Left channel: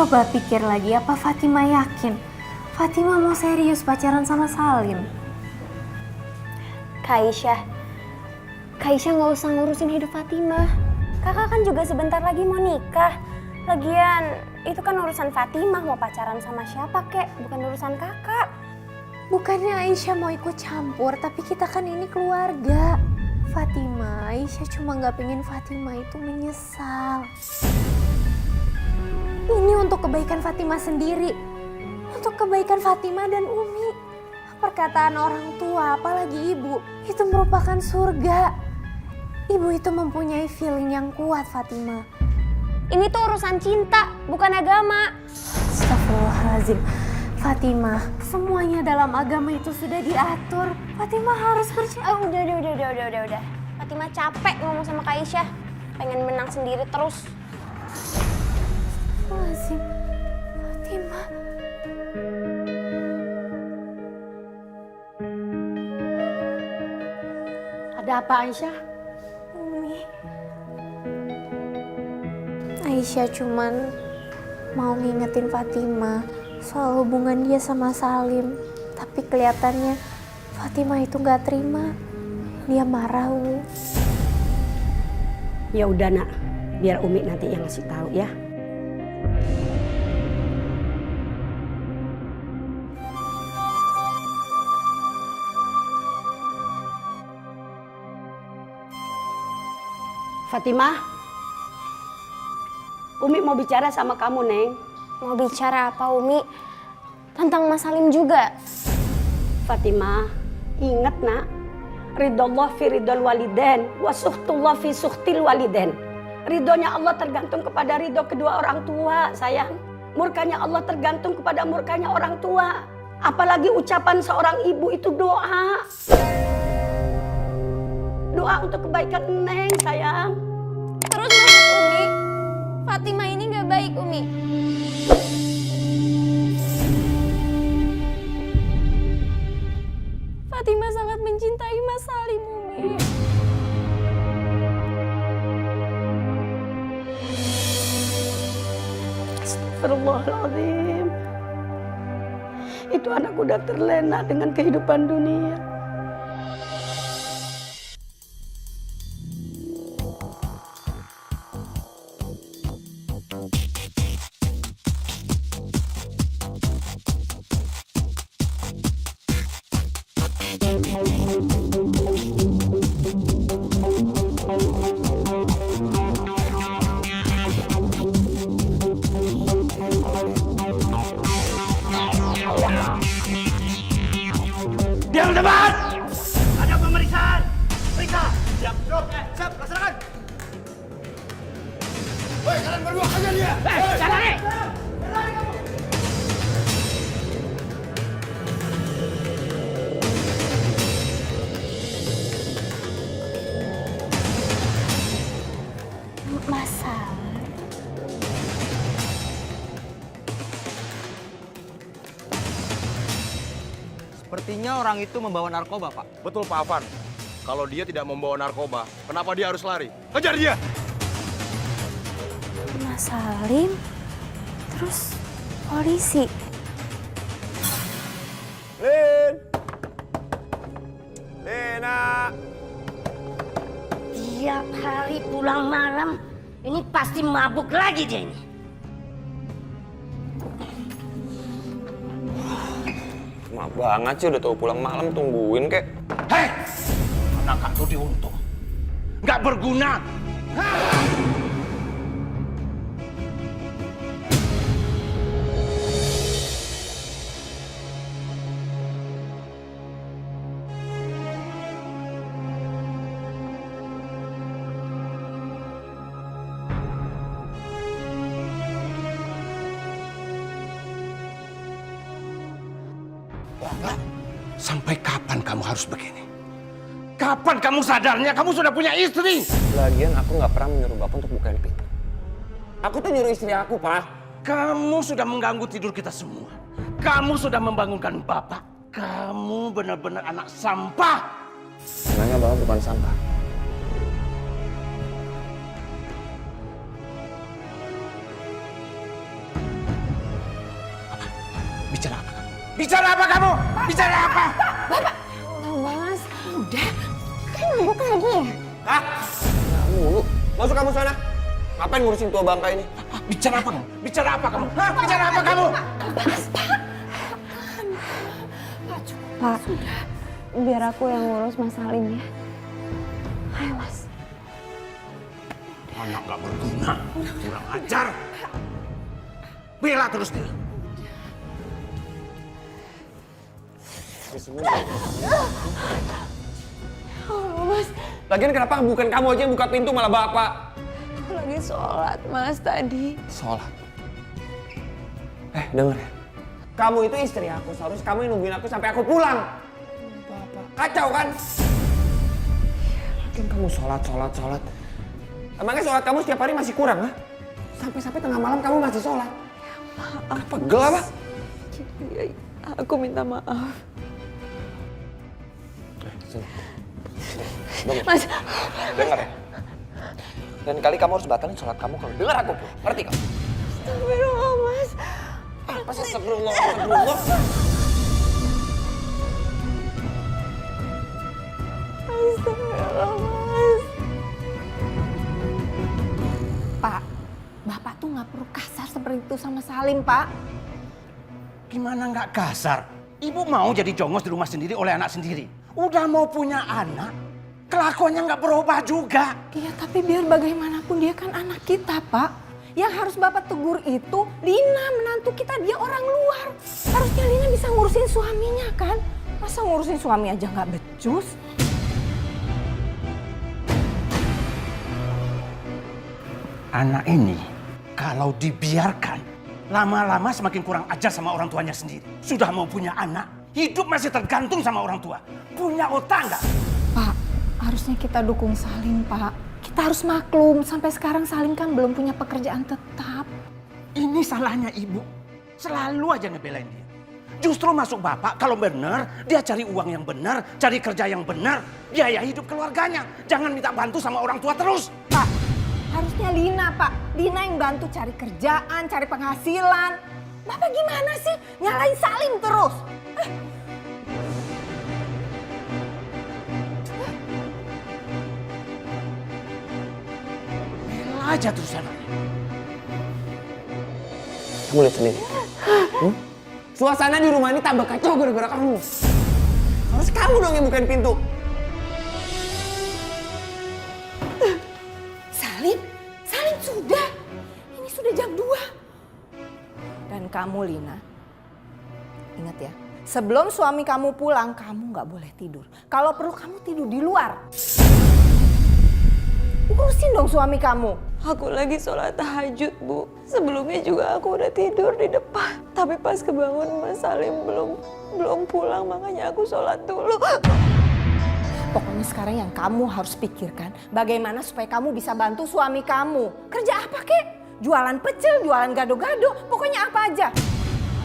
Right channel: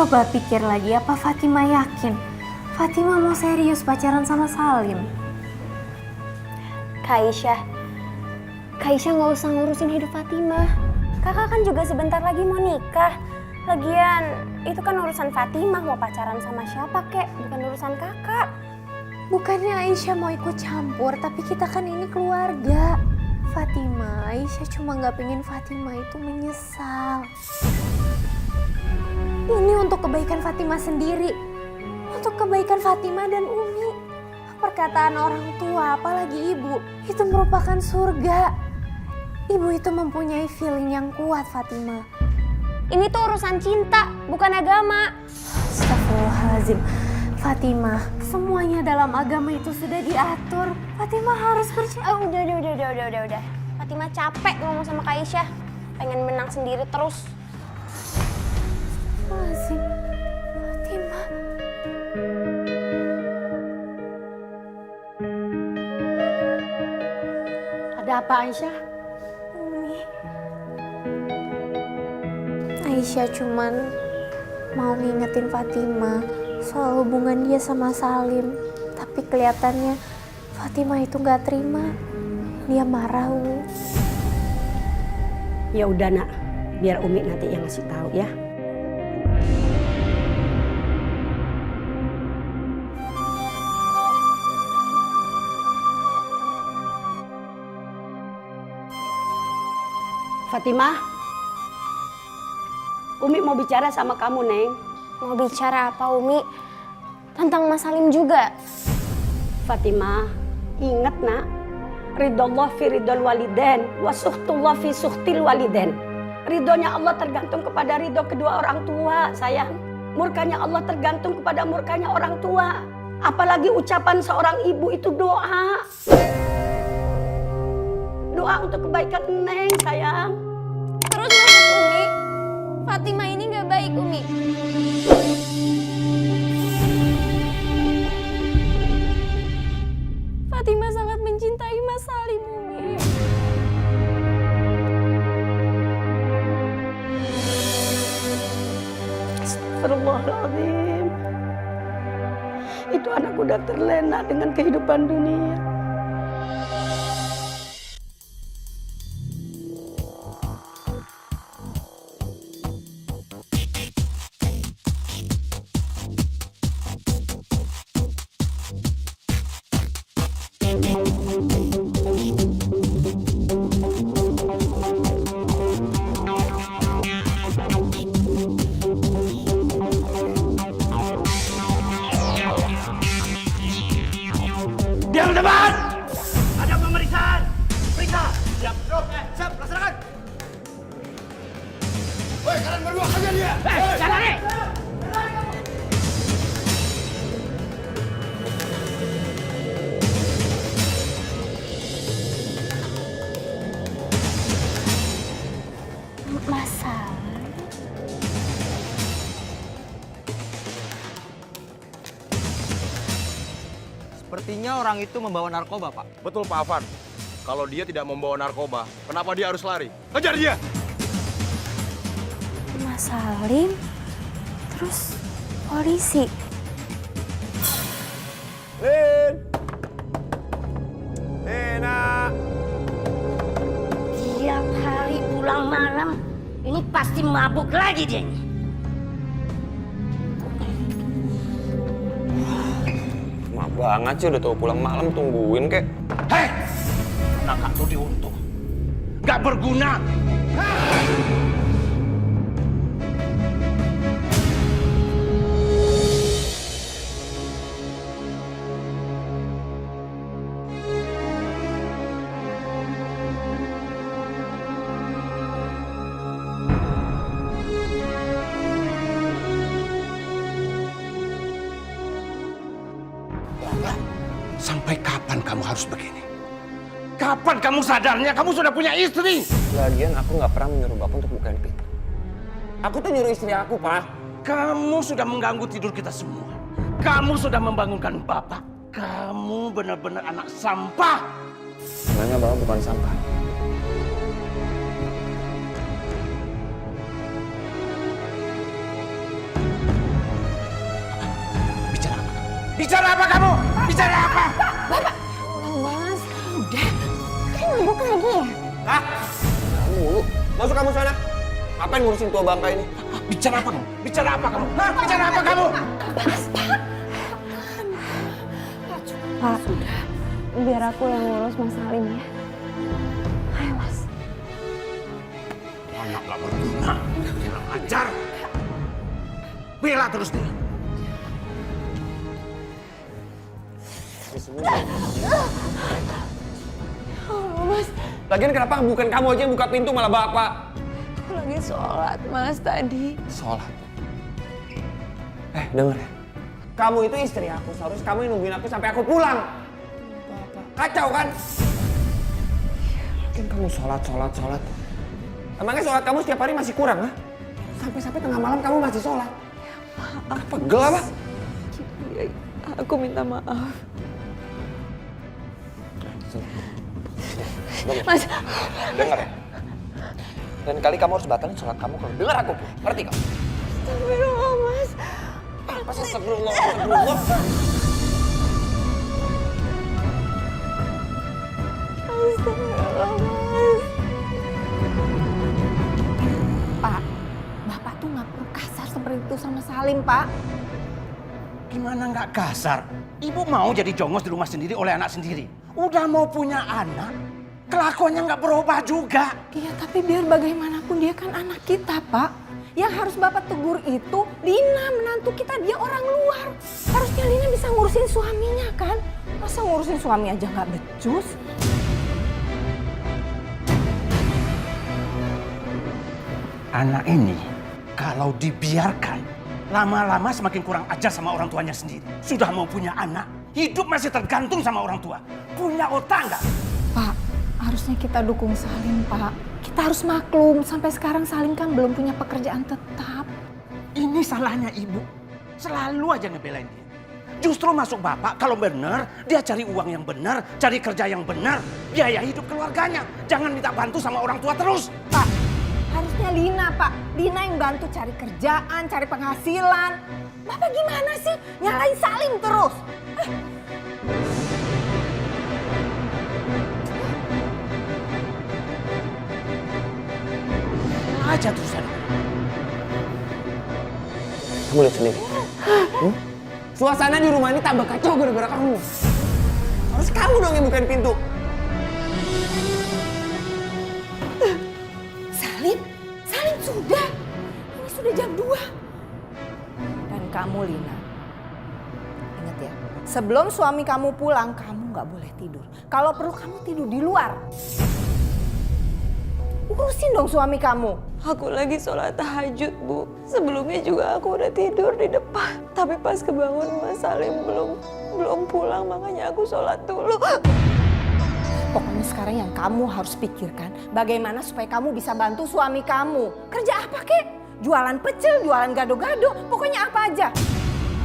Coba pikir lagi, apa Fatima yakin Fatima mau serius pacaran sama Salim? Kak Aisyah nggak usah ngurusin hidup Fatima. Kakak kan juga sebentar lagi mau nikah. Lagian itu kan urusan Fatima, mau pacaran sama siapa kek, bukan urusan kakak. Bukannya Aisyah mau ikut campur, tapi kita kan ini keluarga. Fatima, Aisyah cuma nggak pengen Fatima itu menyesal. Ini untuk kebaikan Fatima sendiri, untuk kebaikan Fatima dan Umi. Perkataan orang tua, apalagi ibu, itu merupakan surga. Ibu itu mempunyai feeling yang kuat, Fatima. Ini tuh urusan cinta, bukan agama. Astagfirullahaladzim. Fatima, semuanya dalam agama itu sudah diatur. Fatima harus percaya. Udah. Fatima capek ngomong sama Kak Aisyah. Pengen menang sendiri terus. Astagfirullahaladzim. Fatima. Ada apa Aisyah? Umi. Aisyah cuman mau ngingetin Fatima soal hubungan dia sama Salim. Tapi kelihatannya Fatima itu gak terima. Dia marah, Umi. Ya udah nak, biar Umi nanti yang ngasih tahu ya. Fatimah, Umi mau bicara sama kamu, Neng. Mau bicara apa, Umi? Tentang Mas Salim juga. Fatimah, ingat nak, ridhollah fi ridhol waliden, wa suhtullah fi suhtil waliden. Ridhonya Allah tergantung kepada ridho kedua orang tua, sayang. Murkanya Allah tergantung kepada murkanya orang tua. Apalagi ucapan seorang ibu itu doa. Doa untuk kebaikan Neng, sayang. Terus maksud Umi, Fatima ini gak baik, Umi. Fatima sangat mencintai Mas Salim, Umi. Astagfirullahaladzim. Itu anak udah terlena dengan kehidupan dunia. Diam tempat! Ada pemeriksaan! Periksa! Siap! Siap! Laksanakan! Woi, kalian berdua hajar dia! Jangan nih! Lari kamu! Mas Salim? Sepertinya orang itu membawa narkoba, Pak. Betul, Pak Afan. Kalau dia tidak membawa narkoba, kenapa dia harus lari? Kejar dia! Mas Salim, terus polisi. Lin! Lena! Tiap hari pulang malam, ini pasti mabuk lagi dia ini. Lama banget sih, udah tau pulang malam tungguin kek. Hei! Anak kak tuh diuntung. Nggak berguna! Hah? Sampai kapan kamu harus begini? Kapan kamu sadarnya kamu sudah punya istri? Lagian aku nggak pernah menyuruh Bapak untuk bukain pintu. Aku tuh nyuruh istri aku, Pak. Kamu sudah mengganggu tidur kita semua. Kamu sudah membangunkan Bapak. Kamu benar-benar anak sampah. Sebenarnya Bapak bukan sampah. Bicara apa kamu? Bicara apa? Mas, udah. Kan mabuk lagi. Hah? Nah, mulu. Masuk kamu sana. Ngapain ngurusin tua bangka ini? Bicara apa kamu? Bicara apa kamu? Hah? Bicara apa kamu? Pak, biar aku yang ngurus Mas Salim ya. Ayo Mas. Anak gak berguna, kurang ajar. Bela terus dia. Oh Mas, Lagian kenapa bukan kamu aja yang buka pintu malah bapak? aku lagi sholat Mas tadi. Sholat. Denger ya. Kamu itu istri aku, seharusnya kamu yang nungguin aku sampai aku pulang. Bapak, kacau kan? Lagian kamu sholat. Emangnya sholat kamu setiap hari masih kurang, ha? Sampai-sampai tengah malam kamu masih sholat. Maaf. Pegel apa? Aku minta maaf. Sini. Mas, Dengar ya. Dan kali kamu harus batalin sholat kamu kalau dengar aku, Bu. Ngerti kau? astagfirullah Mas. Apa sih astagfirullah? Astagfirullah Mas. Pak, Bapak tuh nggak perlu kasar seperti itu sama Salim, Pak. Gimana nggak kasar? Ibu mau jadi jongos di rumah sendiri oleh anak sendiri. Udah mau punya anak, kelakuannya nggak berubah juga. Iya, tapi biar bagaimanapun dia kan anak kita, Pak. Yang harus Bapak tegur itu Lina, menantu kita, dia orang luar. Harusnya Lina bisa ngurusin suaminya kan? Masa ngurusin suami aja nggak becus? Anak ini kalau dibiarkan lama-lama semakin kurang ajar sama orang tuanya sendiri. Sudah mau punya anak, hidup masih tergantung sama orang tua. Punya otak nggak? Pak, harusnya kita dukung Salim, Pak. Kita harus maklum, sampai sekarang Salim kan belum punya pekerjaan tetap. Ini salahnya ibu. Selalu aja ngebelain dia. Justru masuk bapak kalau benar, dia cari uang yang benar, cari kerja yang benar, biaya hidup keluarganya. Jangan minta bantu sama orang tua terus. Pak, harusnya Lina, Pak. Lina yang bantu cari kerjaan, cari penghasilan. Bapak gimana sih? Nyalain Salim terus. Aja terus anak. Kamu lihat sendiri. Suasana di rumah ini tambah kacau gara-gara kamu. Harus kamu dong yang bukain pintu. Salim sudah. Ini sudah jam 2. Dan kamu, Lina, ingat ya, sebelum suami kamu pulang, kamu nggak boleh tidur. Kalau perlu kamu tidur di luar. Urusin dong suami kamu. Aku lagi sholat tahajud, Bu. Sebelumnya juga aku udah tidur di depan. Tapi pas kebangun Mas Salim belum pulang, makanya aku sholat dulu. Pokoknya sekarang yang kamu harus pikirkan bagaimana supaya kamu bisa bantu suami kamu. Kerja apa kek? Jualan pecel, jualan gado-gado, pokoknya apa aja.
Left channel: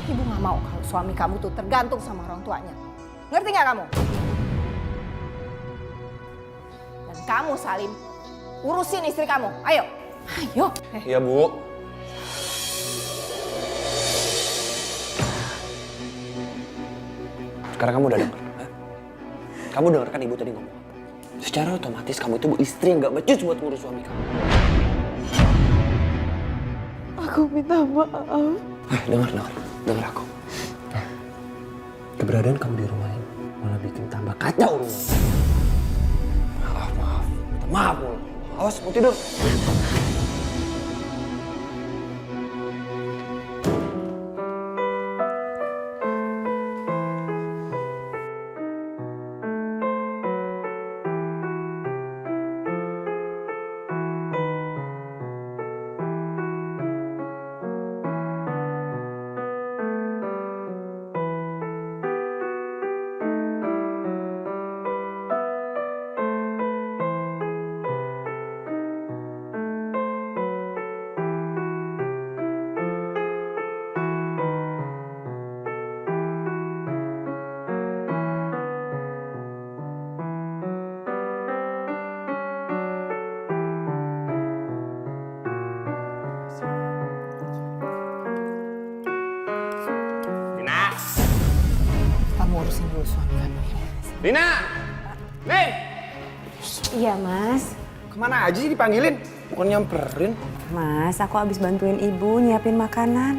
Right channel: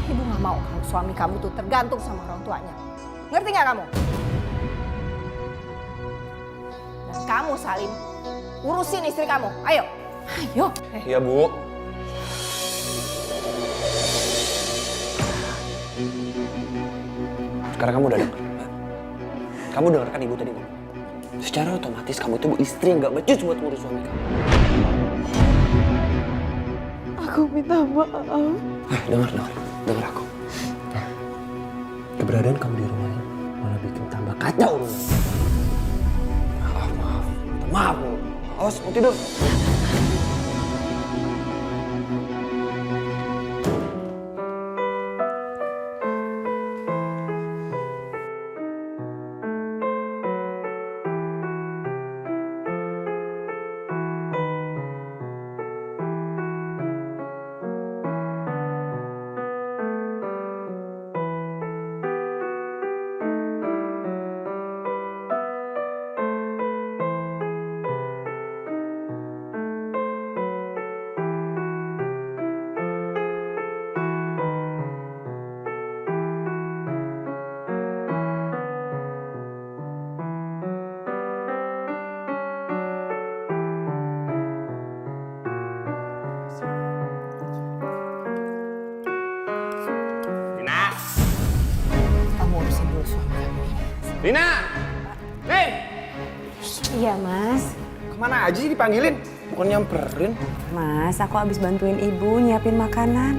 Ibu gak mau kalau suami kamu tuh tergantung sama orang tuanya. Ngerti gak kamu? Dan kamu Salim, urusin istri kamu. Ayo. Iya, Bu. Sekarang kamu udah denger. Ha? Kamu denger kan ibu tadi ngomong apa? Secara otomatis kamu itu istri yang gak becus buat ngurus suami kamu. Aku minta maaf. Dengar aku. Keberadaan kamu di rumah ini malah bikin tambah kacau rumah ini. Maaf. Minta maaf mulu. Awas, mau tidur. urusin dulu suami kamu. Lina! Lin! Iya mas. Kemana aja sih dipanggilin? Bukan nyamperin. Mas, aku habis bantuin ibu nyiapin makanan.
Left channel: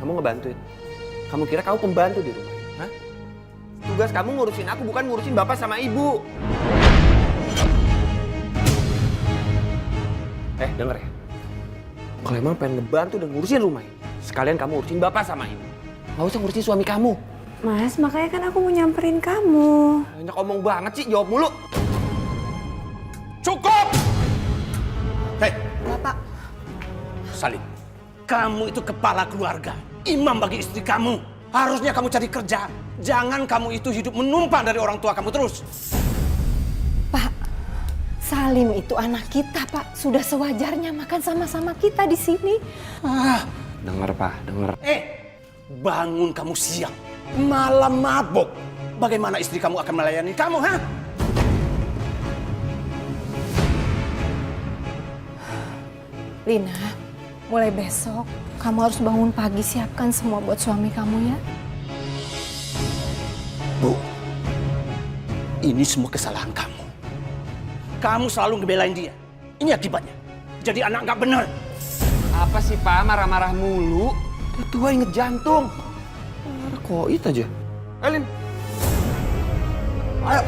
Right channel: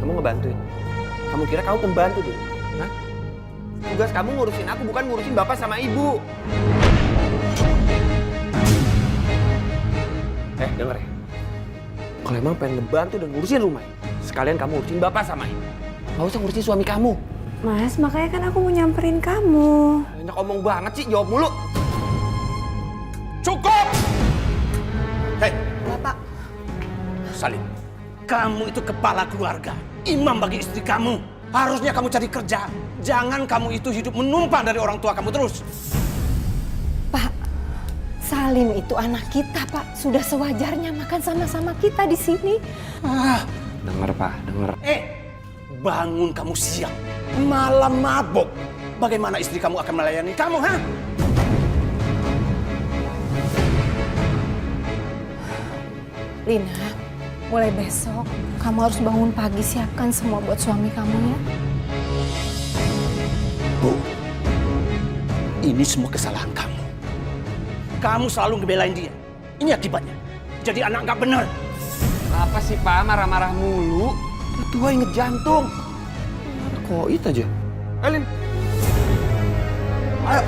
Kamu ngebantuin? Kamu kira kamu pembantu di rumah? Hah? Tugas kamu ngurusin aku, bukan ngurusin bapak sama ibu. Denger ya. Kalau emang pengen ngebantu dan ngurusin rumah ini, sekalian kamu urusin bapak sama ibu. Gak usah ngurusin suami kamu. Mas, makanya kan aku mau nyamperin kamu. Banyak omong banget sih, jawab mulu. Cukup! Hei, Bapak, Salim, kamu itu kepala keluarga, imam bagi istri kamu. Harusnya kamu cari kerja. Jangan kamu itu hidup menumpang dari orang tua kamu terus. Pak, Salim itu anak kita, Pak. Sudah sewajarnya makan sama-sama kita di sini. Dengar Pak, dengar. Bangun kamu siang, malam mabok. Bagaimana istri kamu akan melayani kamu, ha? Lina, mulai besok kamu harus bangun pagi, siapkan semua buat suami kamu ya. Bu, ini semua kesalahan kamu. Kamu selalu ngebelain dia. Ini akibatnya. Jadi anak nggak benar. Apa sih Pak, marah-marah mulu? Dia tua inget jantung. Marah koit aja. Lin. Ayo.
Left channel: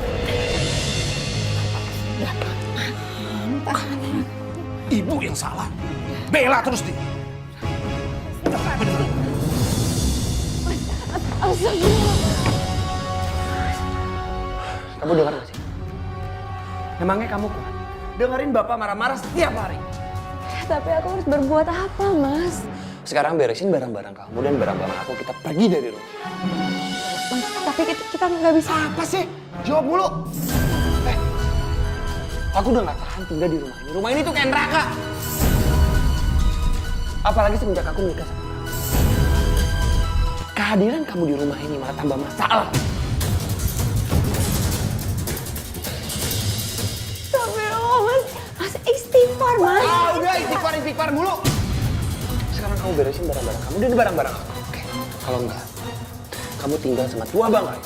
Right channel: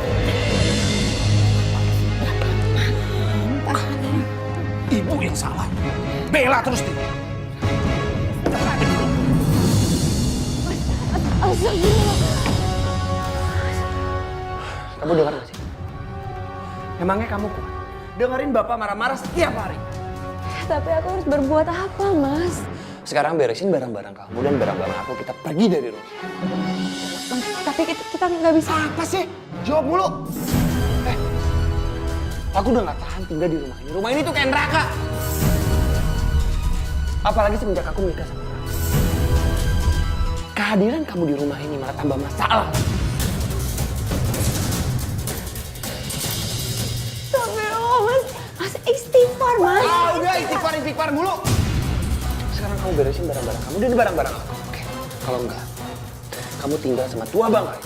Ibu yang salah. Bela terus dia. Nggak benar. Kamu dengar gak sih? Emangnya kamu kuat? Dengerin bapak marah-marah setiap hari. Tapi aku harus berbuat apa, Mas? Sekarang beresin barang-barang kamu dan barang-barang aku, kita pergi dari rumah. Mas, tapi kita nggak bisa. Apa sih? Jawab mulu. Aku udah gak tahan tinggal di rumah ini. Rumah ini tuh kayak neraka. Apalagi semenjak aku menikah sama kamu. Kehadiran kamu di rumah ini malah tambah masalah. Mas istighfar, Mas. Udah istighfar mulu. Sekarang kamu beresin barang-barang kamu dan barang-barang aku. Oke. Kalau enggak, kamu tinggal sama tua bangkai.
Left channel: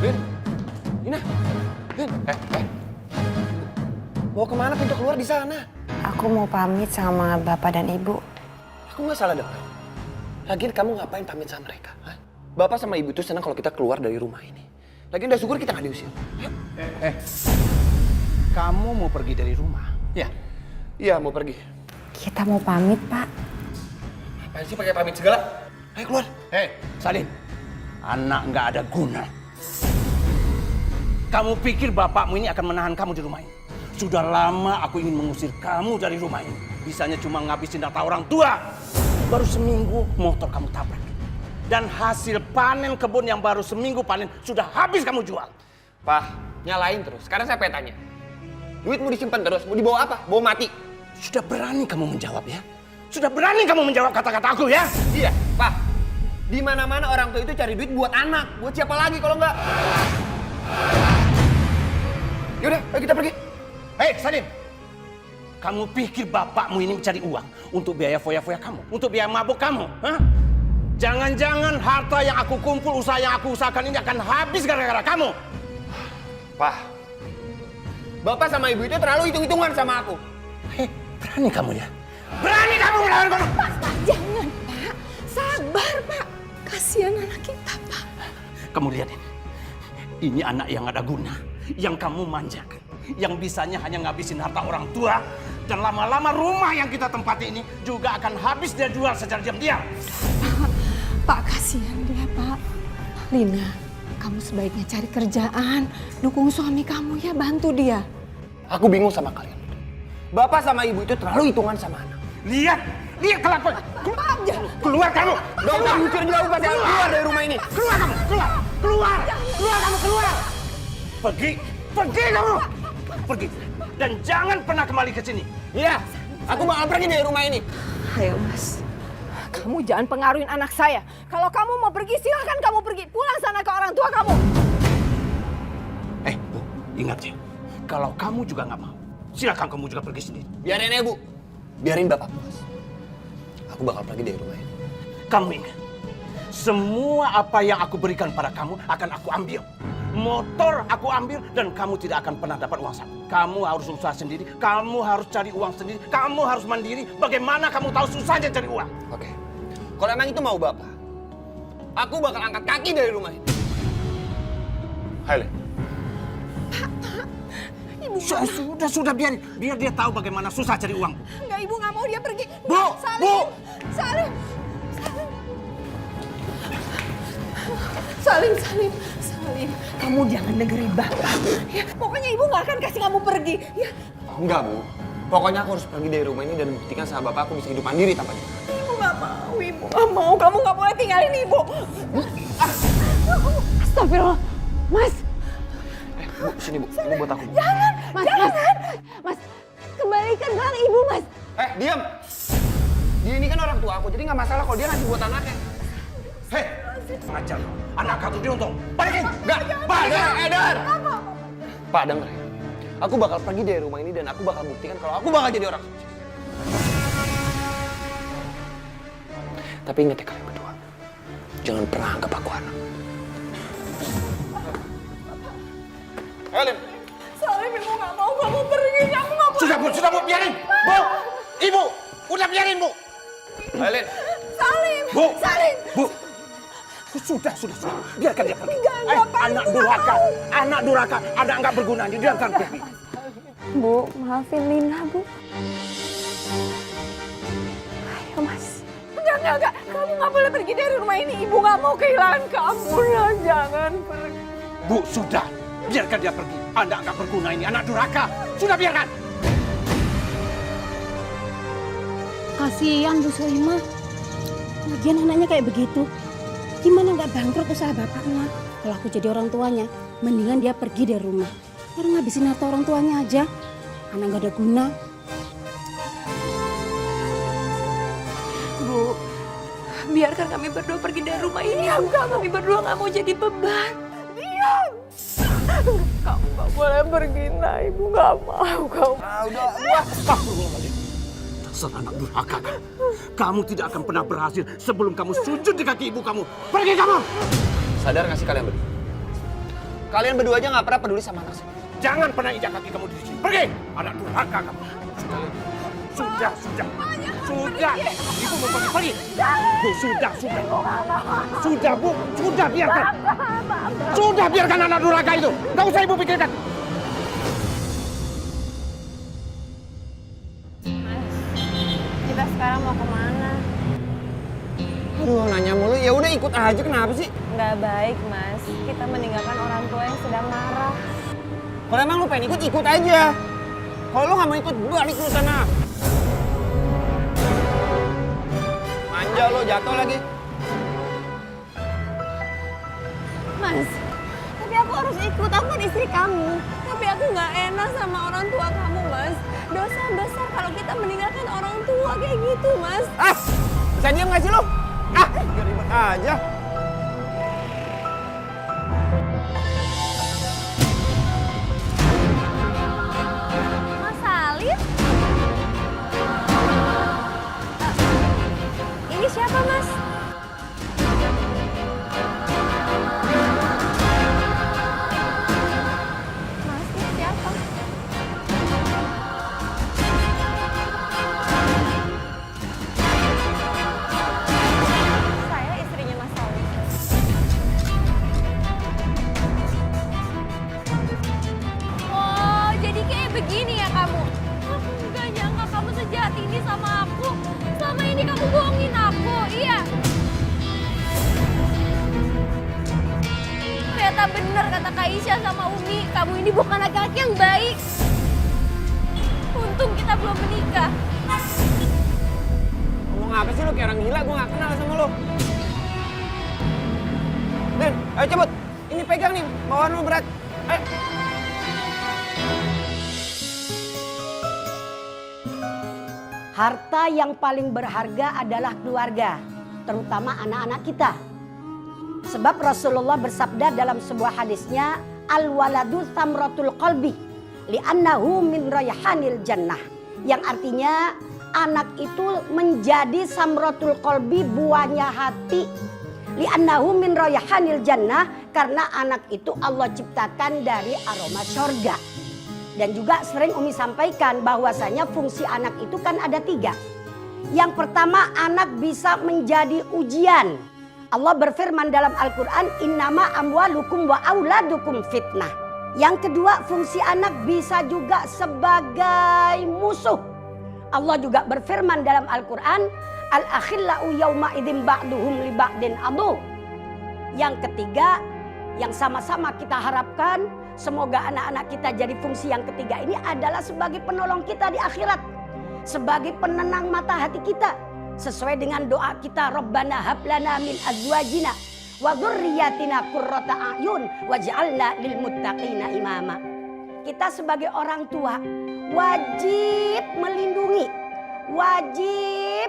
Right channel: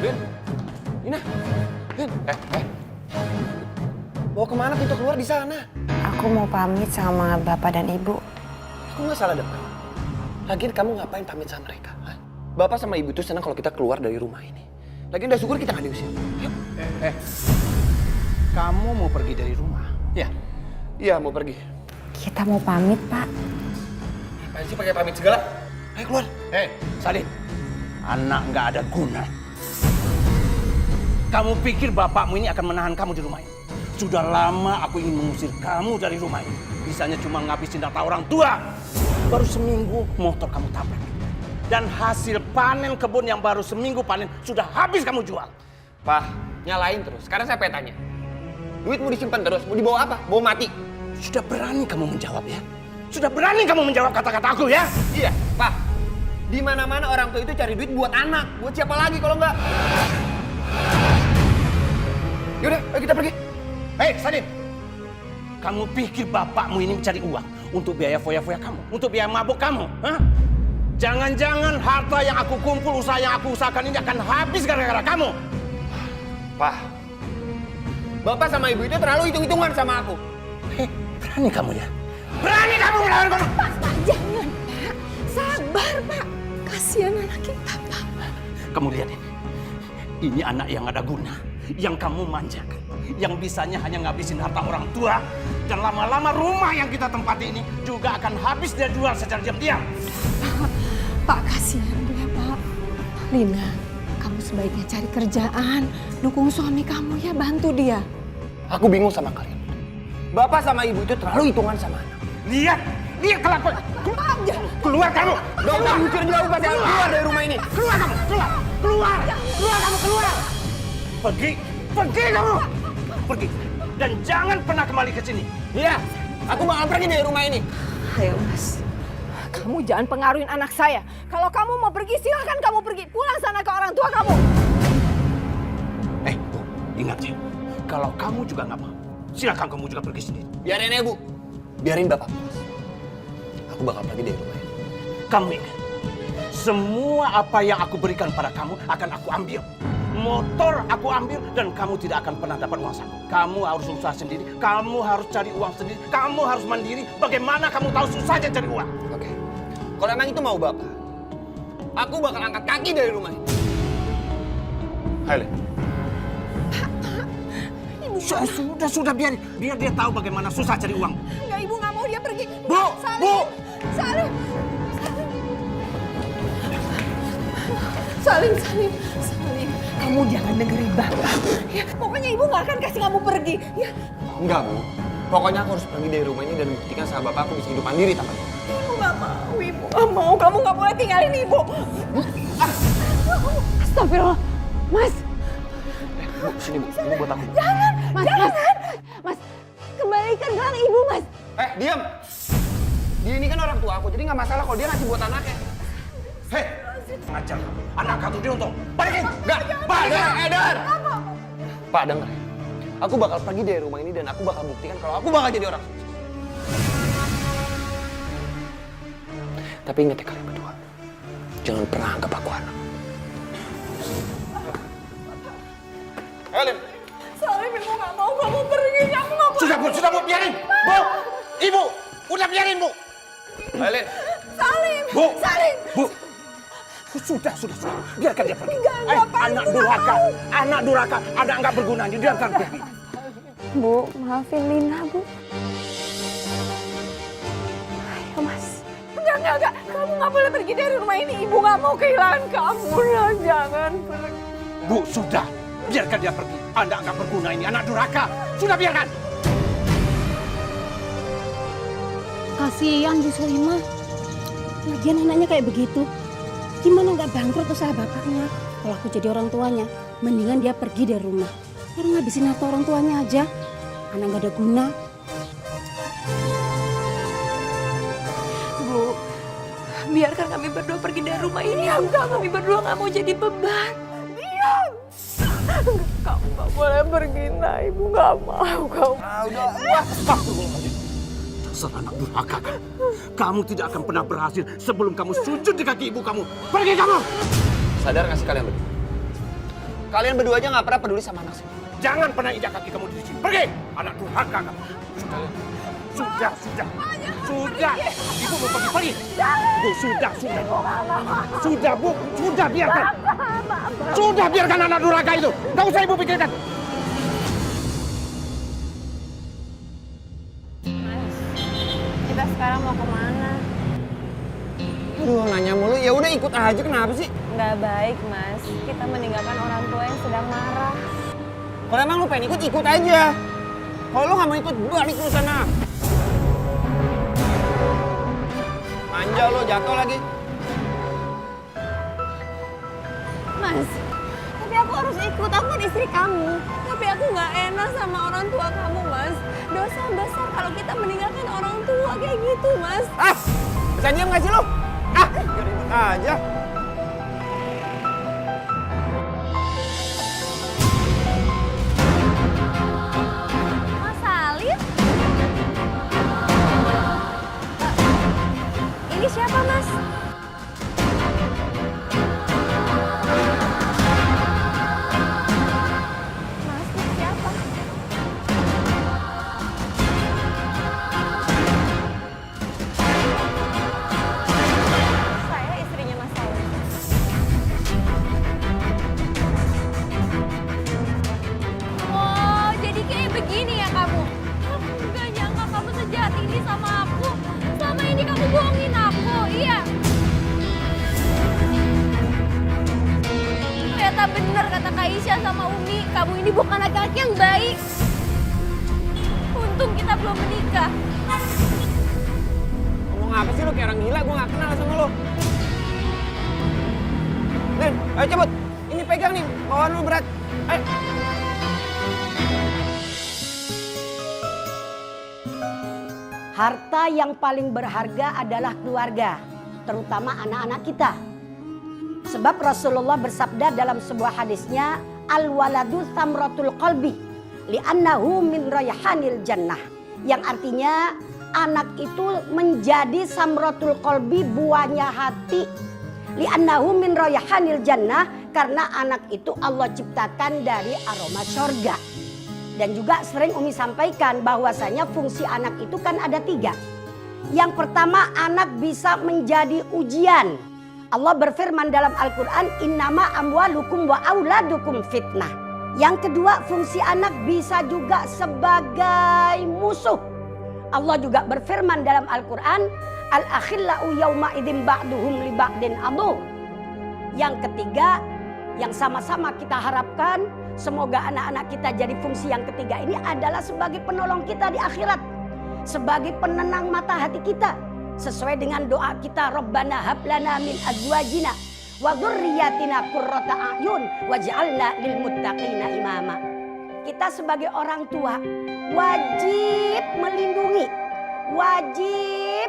Lin, Lina, Lin, mau kemana? Pintu keluar di sana. Aku mau pamit sama bapak dan ibu. Aku nggak salah dengar. Lagian kamu ngapain pamit sama mereka? Hah? Bapak sama ibu tuh senang kalau kita keluar dari rumah ini. Lagian udah syukur kita nggak diusir. Kamu mau pergi dari rumah? Ya. Iya, mau pergi. Kita mau pamit, Pak. Apaan sih pakai pamit segala? Ayo keluar. Salim, anak nggak ada guna. Kamu pikir bapakmu ini akan menahan kamu di rumah ini? Sudah lama aku ingin mengusir kamu dari rumah ini. Bisanya cuma ngabisin data orang tua. Baru seminggu motor kamu tabrak. Dan hasil panen kebun yang baru seminggu panen sudah habis kamu jual. Pak, nyalain terus. Sekarang saya pengen tanya. Duit mau disimpan terus, mau dibawa apa? Bawa mati. Sudah berani kamu menjawab ya? Sudah berani kamu menjawab kata-kata aku ya? Iya, Pak. Di mana-mana orang tua itu cari duit buat anak. Buat siapa lagi kalau enggak? Yaudah, ayo kita pergi. Hei, Salim. Kamu pikir bapakmu ini mencari uang untuk biaya foya-foya kamu? Untuk biaya mabuk kamu? Hah? Jangan-jangan harta yang aku kumpul, usaha yang aku usahakan ini akan habis gara-gara kamu. Pak, Bapak sama Ibu itu terlalu hitung-hitungan sama aku. Hei, berani kamu ya? Berani kamu melawan kamu? Pak, jangan, Pak. Sabar, Pak. Kasihan anak kita, Pak. Kamu lihat ini. Ini anak yang ada guna, yang kamu manjakan. Yang bisanya hanya ngabisin harta orang tua. Dan lama-lama rumah yang kita tempati ini juga akan habis dia jual secara diam-diam. Pak, kasihan dia, Pak. Lina, kamu sebaiknya cari kerjaan. Dukung suami kamu ya, bantu dia. Aku bingung sama kalian. Bapak sama Ibu itu terlalu hitungan sama anak. Lihat kelakuan. Keluar kamu. Gak usah mikir jauh, Pak. Jangan keluar dari rumah ini. Keluar kamu, keluar kamu, keluar. Pergi kamu. Pergi. Dan jangan pernah kembali ke sini. Iya, aku bakal pergi dari rumah ini. Ayo, Mas. Kamu jangan pengaruhin anak saya. Kalau kamu mau pergi, silakan kamu pergi. Pulang sana ke orang tua kamu. Bu, ingat ya. Kalau kamu juga nggak mau, silakan kamu juga pergi sendiri. Biarin ya, Bu. Biarin Bapak puas. Aku bakal pergi dari rumah ini. Kamu ingat, semua apa yang aku berikan pada kamu akan aku ambil. Motor aku ambil dan kamu tidak akan pernah dapat uang saku. Kamu harus usaha sendiri, kamu harus cari uang sendiri, kamu harus mandiri. Bagaimana kamu tahu susahnya cari uang? Oke. Kalau emang itu mau Bapak, aku bakal angkat kaki dari rumah ini. Hai, Len. Sudah biar dia tahu bagaimana susah cari uang. Enggak, Ibu nggak mau dia pergi. Bu, Salim. Bu. Salim. Salim. Salim, kamu jangan dengerin Bapak. Ya, pokoknya Ibu nggak akan kasih kamu pergi. Ya, Enggak, Bu. Pokoknya aku harus pergi dari rumah ini dan buktikan sama Bapak aku bisa hidup mandiri tanpa dia. Ibu nggak mau, Ibu nggak mau. Kamu nggak boleh tinggalin Ibu. Astagfirullah. Mas, Bu, sini Bu. Ini buat aku. Mas, kembalikan gelang ibu, Mas. Diam. Dia ini kan orang tua aku, jadi nggak masalah kalau dia ngasih buat anaknya. Hei, ngajar kamu. Anak kamu dia untung. Balikin. Enggak, Pak, Edar. Pak, denger ya. Aku bakal pergi dari rumah ini dan aku bakal buktikan kalau aku bakal jadi orang sukses. Tapi ingat ya kalian berdua, jangan pernah anggap aku anak. Ellen. Salim, Ibu nggak mau kamu pergi. Kamu nggak boleh. Sudah Bu, biarin. Bu, Ibu, udah biarin Bu. Ellen. Salim. Bu. Salim. Bu. Sudah. Biarkan dia pergi. Enggak, Pak, anak Ibu durhaka. nggak Anak durhaka. Anak nggak berguna. Biarkan pergi. Bu, maafin Lina, Bu. Ayo, Mas. Enggak. Kamu nggak boleh pergi dari rumah ini. Ibu nggak mau kehilangan kamu. Nah, jangan pergi. Bu, sudah. Biarkan dia pergi. Anak nggak berguna ini. Anak durhaka. Sudah biarkan. Kasihan Bu Soimah. Lagian anaknya kayak begitu. Gimana nggak bangkrut usaha bapaknya? Kalau aku jadi orang tuanya, mendingan dia pergi dari rumah. Orang ngabisin harta orang tuanya aja. Anak nggak ada guna. Bu, biarkan kami berdua pergi dari rumah ini. Enggak, kami berdua nggak mau jadi beban. Diam. Kamu nggak boleh pergi, nah. Ibu nggak mau. Kamu. Astagfirullahaladzim. Dasar anak durhaka kan. Kamu tidak akan pernah berhasil sebelum kamu sujud di kaki ibu kamu. Pergi kamu. Sadar nggak sih kalian berdua? Kalian berdua aja nggak pernah peduli sama anak saya. Jangan pernah injak kaki kamu di sini. Pergi. Anak durhaka kamu. Sudah. Ibu mau pergi. Bu, sudah. Sudah, Bu. Sudah, biarkan. Sudah, biarkan anak durhaka itu. Nggak usah ibu pikirkan. Kita sekarang mau kemana? Aduh, nanya mulu. Ya udah ikut aja, kenapa sih? Nggak baik, Mas. Kita meninggalkan orang tua yang sedang marah. Kalau emang lu pengen ikut aja. Kalau lu nggak mau ikut, balik lu sana. Manja lo, jatuh lagi. Mas, tapi aku harus ikut. Aku kan istri kamu. Tapi aku nggak enak sama orang tua kamu, Mas. Dosa besar kalau kita meninggalkan orang tua kayak gitu, Mas. Bisa diam nggak sih lo? Ribet aja. Mas Salim? Ini siapa, Mas? Mas, ini siapa? Saya istrinya Mas Salim. Oh, jadi kayak begini ya kamu? Aku nggak nyangka kamu sejahat ini sama aku. Selama ini kamu bohongin aku, iya? Ternyata benar kata Kak Isya sama Umi, kamu ini bukan laki-laki yang baik. Untung kita belum menikah. Ngomong apa sih lo kayak orang gila? Gue nggak kenal sama lo. Len, ayo cabut. Ini pegang nih, bawaan lo berat. Ayo. harta yang paling berharga adalah keluarga, terutama anak-anak kita. Sebab Rasulullah bersabda dalam sebuah hadisnya, al-waladu thamratul qalbi, li'annahu min rayhanil jannah. Yang artinya anak itu menjadi samratul qalbi, buahnya hati. Li'annahu min rayhanil jannah, karena anak itu Allah ciptakan dari aroma surga. Dan juga sering Umi sampaikan bahwasanya fungsi anak itu kan ada 3. Yang pertama, anak bisa menjadi ujian. Allah berfirman dalam Al-Quran, innama amwalukum wa auladukum fitnah. Yang kedua, fungsi anak bisa juga sebagai musuh. Allah juga berfirman dalam Al-Quran, al-akhillau yawma idzin ba'duhum li ba'din adu. Yang ketiga, yang sama-sama kita harapkan, semoga anak-anak kita jadi fungsi yang ketiga ini adalah sebagai penolong kita di akhirat. Sebagai penenang mata hati kita. Sesuai dengan doa kita, Rabbana hablana min azwajina wa dzurriyyatina qurrata a'yun waj'alna lil muttaqina imama. Kita sebagai orang tua wajib melindungi, wajib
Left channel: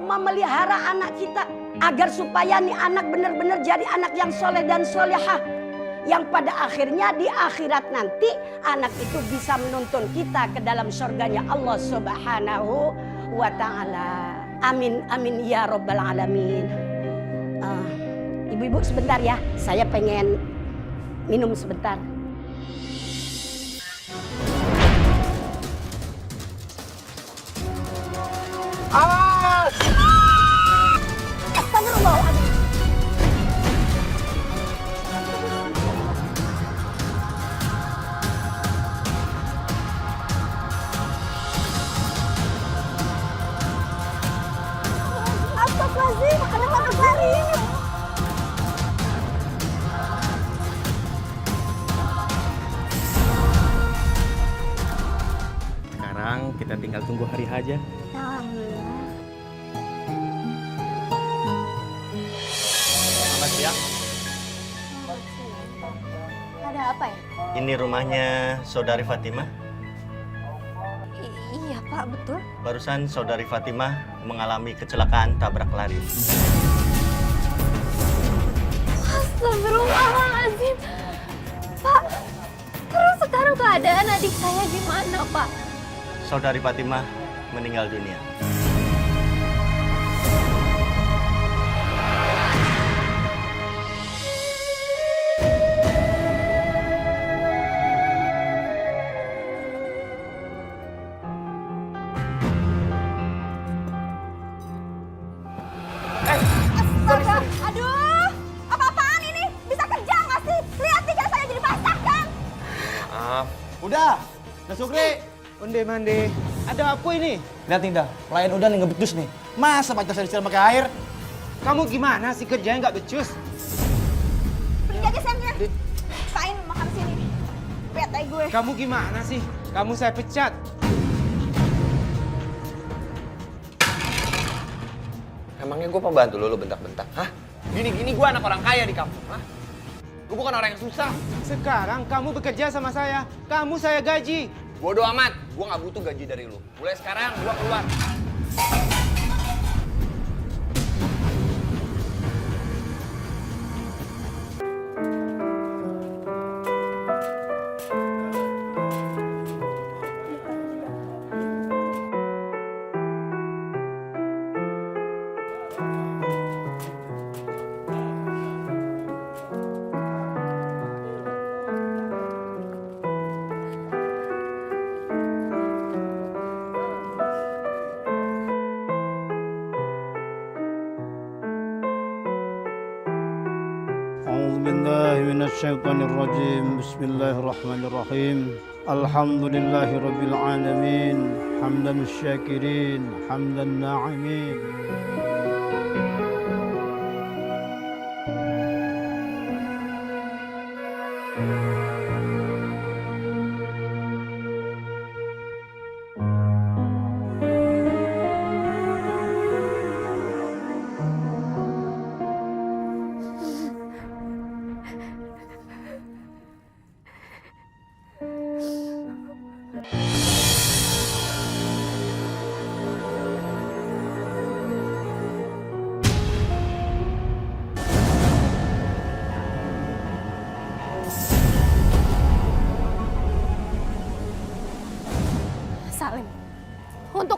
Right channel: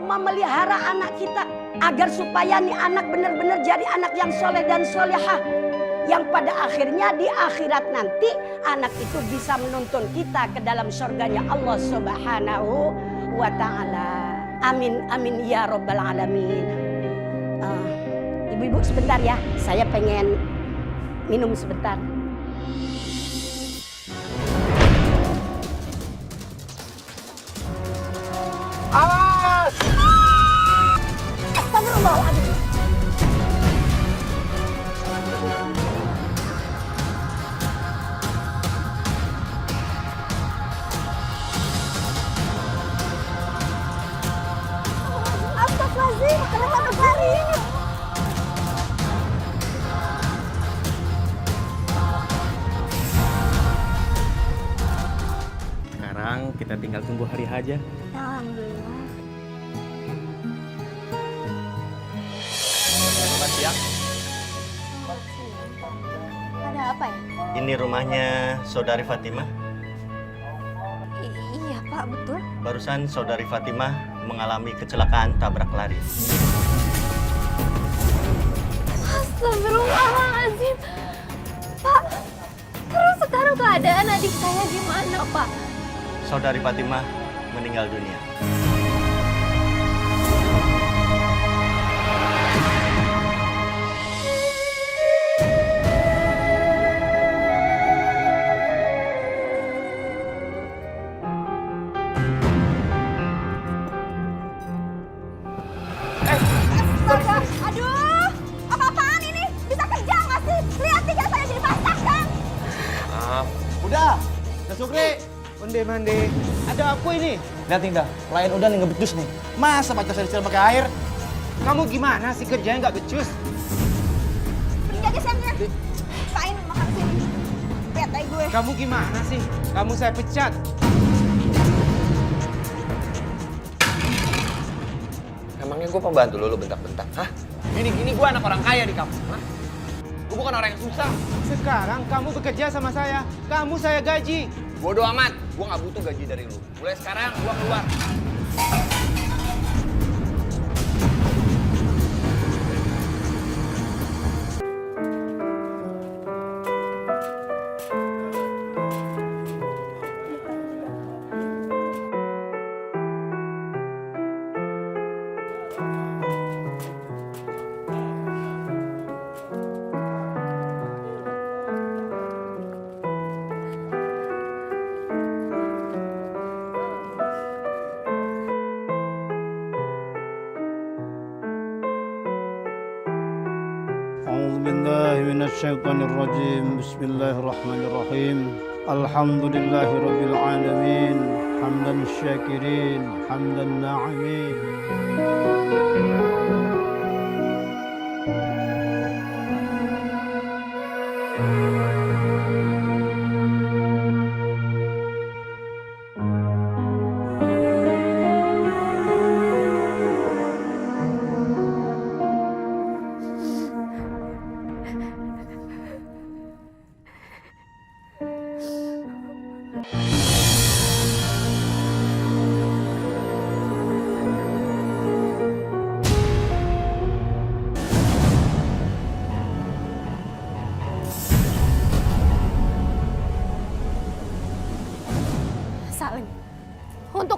memelihara anak kita agar supaya nih anak benar-benar jadi anak yang soleh dan solehah, yang pada akhirnya di akhirat nanti anak itu bisa menuntun kita ke dalam surganya Allah Subhanahu wa ta'ala. Amin amin ya rabbal alamin. Ibu-ibu sebentar ya, saya pengen minum sebentar. Awas! Astagfirullahaladzim. Astagfirullahaladzim, kenapa berlari ini? Sekarang kita tinggal tunggu hari aja. Alhamdulillah. Selamat siang. Selamat siang, Pak. Ada apa ya? Ini rumahnya Saudari Fatimah. Iya, Pak, betul. Barusan Saudari Fatimah mengalami kecelakaan tabrak lari. Astagfirullahaladzim. Pak, terus sekarang keadaan adik saya gimana, Pak? Saudari Fatimah meninggal dunia. Astaga, aduh, apa-apaan ini? Bisa kerja nggak sih? Lihat tinggal saya jadi basah kan? Udah Sukri, onde mande. Ada apa ini? Lihat Indah, pelayan udah nih ngebecus nih. Masa pacar saya disiram pakai air? Kamu gimana sih kerjanya nggak becus? Pergi aja Samnya. Kain makan sini. Bete gue. Kamu gimana sih? Kamu saya pecat. Emangnya gue pembantu lo bentak-bentak? Hah? Gini-gini gue anak orang kaya di kampung, hah? Gue bukan orang yang susah. Sekarang kamu bekerja sama saya. Kamu saya gaji. Bodoh amat, gue gak butuh gaji dari lu. Mulai sekarang gue keluar. أعوذ بالله من الشيطان الرجيم بسم الله الرحمن الرحيم الحمد لله رب العالمين حمدا الشاكرين حمدا الناعمين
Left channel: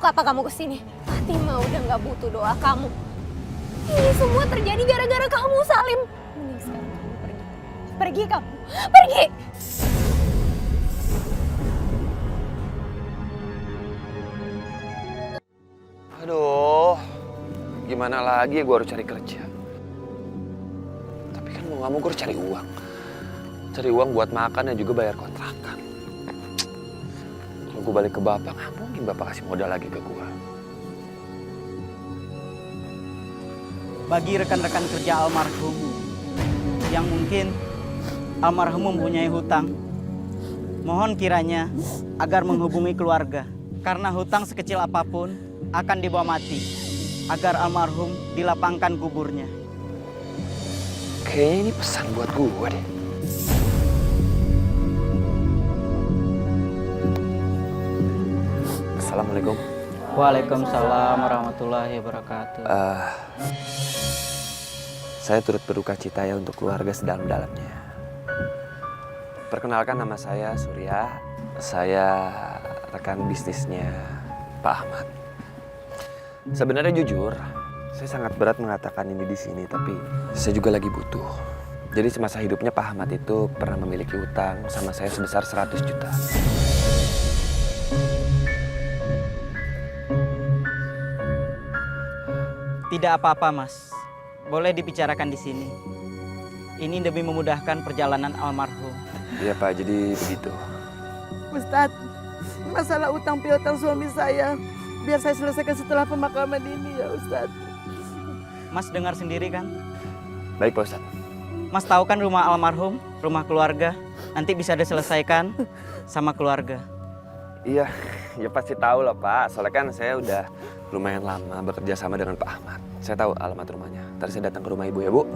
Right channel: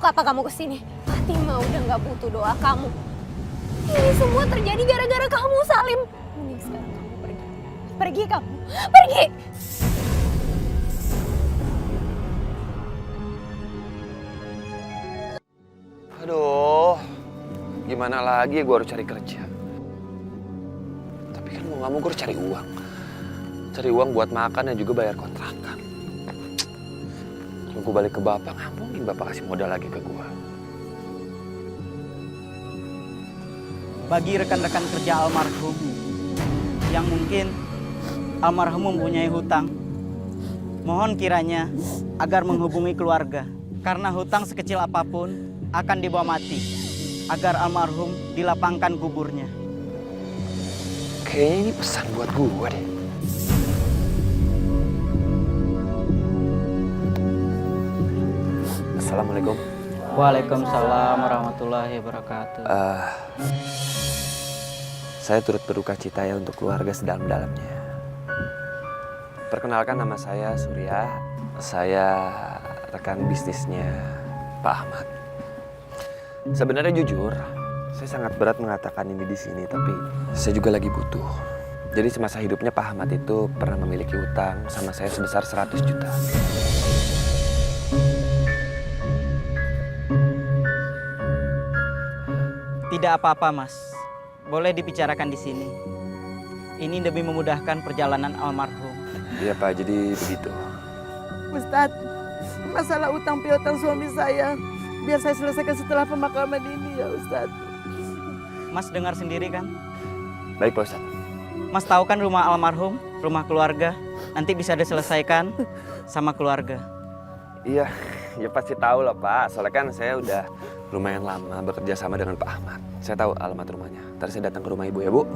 Untuk apa kamu kesini? Fatima udah gak butuh doa kamu. Ini semua terjadi gara-gara kamu, Salim. Mending sekarang kamu pergi. Pergi kamu, pergi! Aduh, gimana lagi gue harus cari kerja. Tapi kan mau gak mau gue harus cari uang. Cari uang buat makan dan juga bayar kontrakan. Kalau gue balik ke bapak, nggak mungkin bapak kasih modal lagi ke gue. Bagi rekan-rekan kerja almarhum yang mungkin almarhum mempunyai hutang, mohon kiranya agar menghubungi keluarga. Karena hutang sekecil apapun akan dibawa mati, agar almarhum dilapangkan kuburnya. Kayaknya ini pesan buat gue deh. Assalamualaikum. Waalaikumsalam warahmatullahi wabarakatuh. Saya turut berduka cita ya untuk keluarga sedalam-dalamnya. Perkenalkan, nama saya Surya. Saya rekan bisnisnya Pak Ahmad. Sebenarnya jujur, saya sangat berat mengatakan ini di sini, tapi saya juga lagi butuh. Jadi semasa hidupnya Pak Ahmad itu pernah memiliki utang sama saya sebesar 100 juta. Tidak apa-apa, Mas. Boleh dibicarakan di sini. Ini demi memudahkan perjalanan almarhum. Iya Pak, jadi begitu. Ustadz, masalah utang piutang suami saya, biar saya selesaikan setelah pemakaman ini ya Ustadz. Mas dengar sendiri kan? Baik Pak Ustadz. Mas tahu kan rumah almarhum, rumah keluarga, nanti bisa diselesaikan sama keluarga. Iya, ya pasti tahu lah Pak. Soalnya kan saya udah lumayan lama bekerja sama dengan Pak Ahmad. Saya tahu alamat rumahnya. Ntar saya datang ke rumah Ibu ya Bu.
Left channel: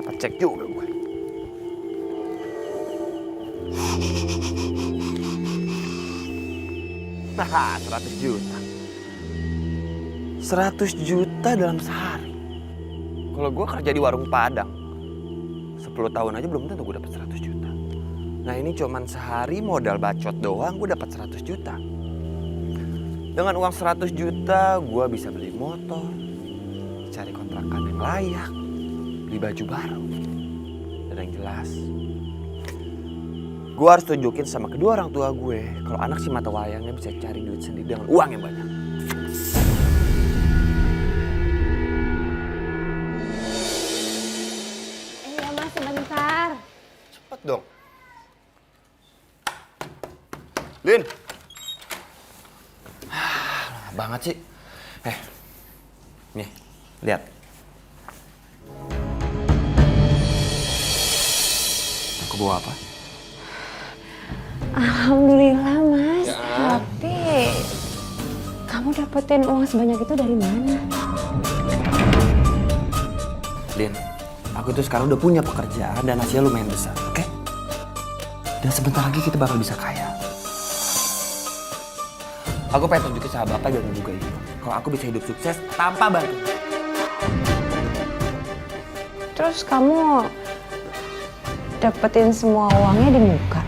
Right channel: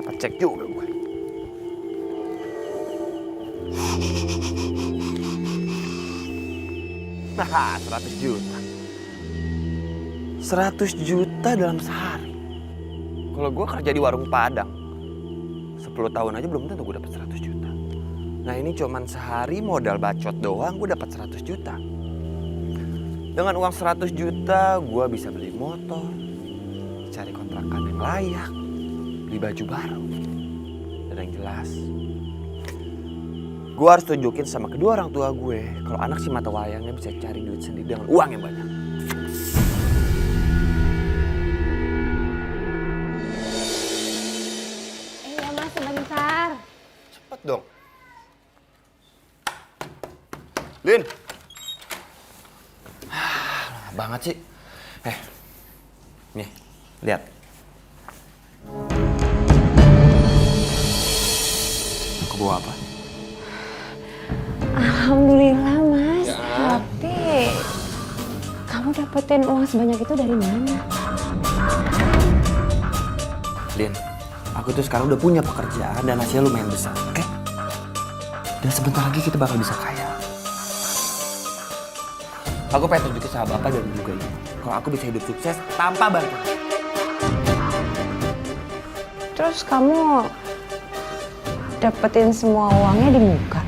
Dapat cek juga gue. Nah, 100 juta. 100 juta dalam sehari. Kalau gue kerja di warung Padang, 10 tahun aja belum tentu gue dapat 100 juta. Nah ini cuman sehari modal bacot doang gue dapat 100 juta. Dengan uang 100 juta gue bisa beli motor, cari kontrakan yang layak, beli baju baru. Dan yang jelas, gue harus tunjukin sama kedua orang tua gue kalau anak si mata wayangnya bisa cari duit sendiri dengan uang yang banyak. Iya Mas, sebentar. Cepet dong. Lin. Banget sih. Nih, lihat. Aku bawa apa? Alhamdulillah Mas, tapi kamu dapetin uang sebanyak itu dari mana? Lin, aku tuh sekarang udah punya pekerjaan dan hasilnya lumayan besar, oke? Dan sebentar lagi kita bakal bisa kaya. Aku pengen tunjukin sama bapak dan juga ibu kalau aku bisa hidup sukses tanpa bantuan. Terus kamu dapetin semua uangnya di muka?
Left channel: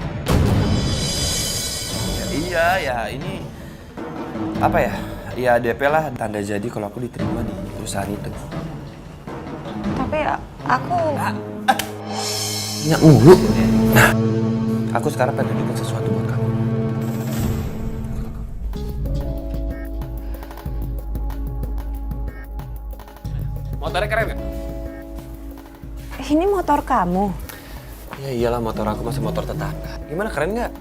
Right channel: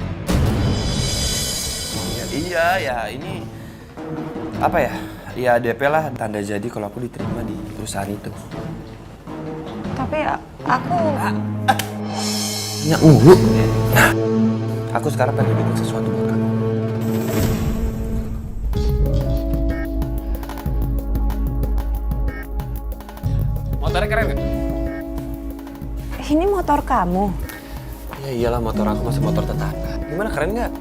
Iya, ini apa ya? Ya DP lah, tanda jadi kalau aku diterima di perusahaan itu. Tapi aku... Nyak mulu. Nah, aku sekarang pengen tunjukin sesuatu buat kamu. Motornya keren gak? Ini motor kamu? Ya iyalah, motor aku masih motor tetangga. Gimana, keren gak?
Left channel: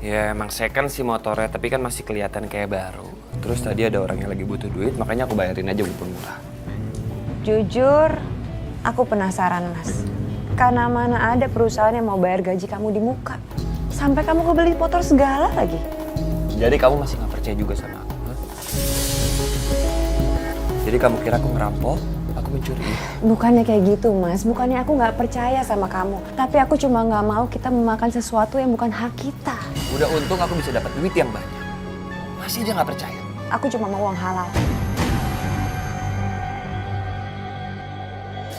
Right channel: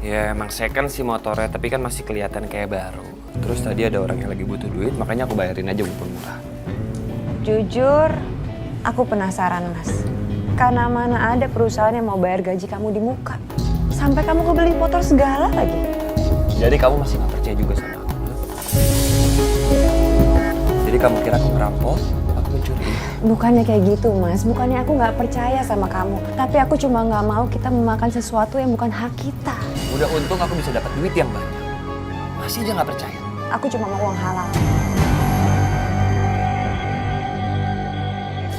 Ya emang second sih motornya, tapi kan masih kelihatan kayak baru. Terus tadi ada orang yang lagi butuh duit, makanya aku bayarin aja walaupun murah. Jujur, aku penasaran Mas. Karena mana ada perusahaan yang mau bayar gaji kamu di muka. Sampai kamu kebeli motor segala lagi. Jadi kamu masih gak percaya juga sama aku? Huh? Jadi kamu kira aku ngerampok, aku aku mencuri? Bukannya kayak gitu, Mas. Bukannya aku nggak percaya sama kamu. Tapi aku cuma nggak mau kita memakan sesuatu yang bukan hak kita. Udah untung aku bisa dapat duit yang banyak. Masih aja nggak percaya. Aku cuma mau uang halal.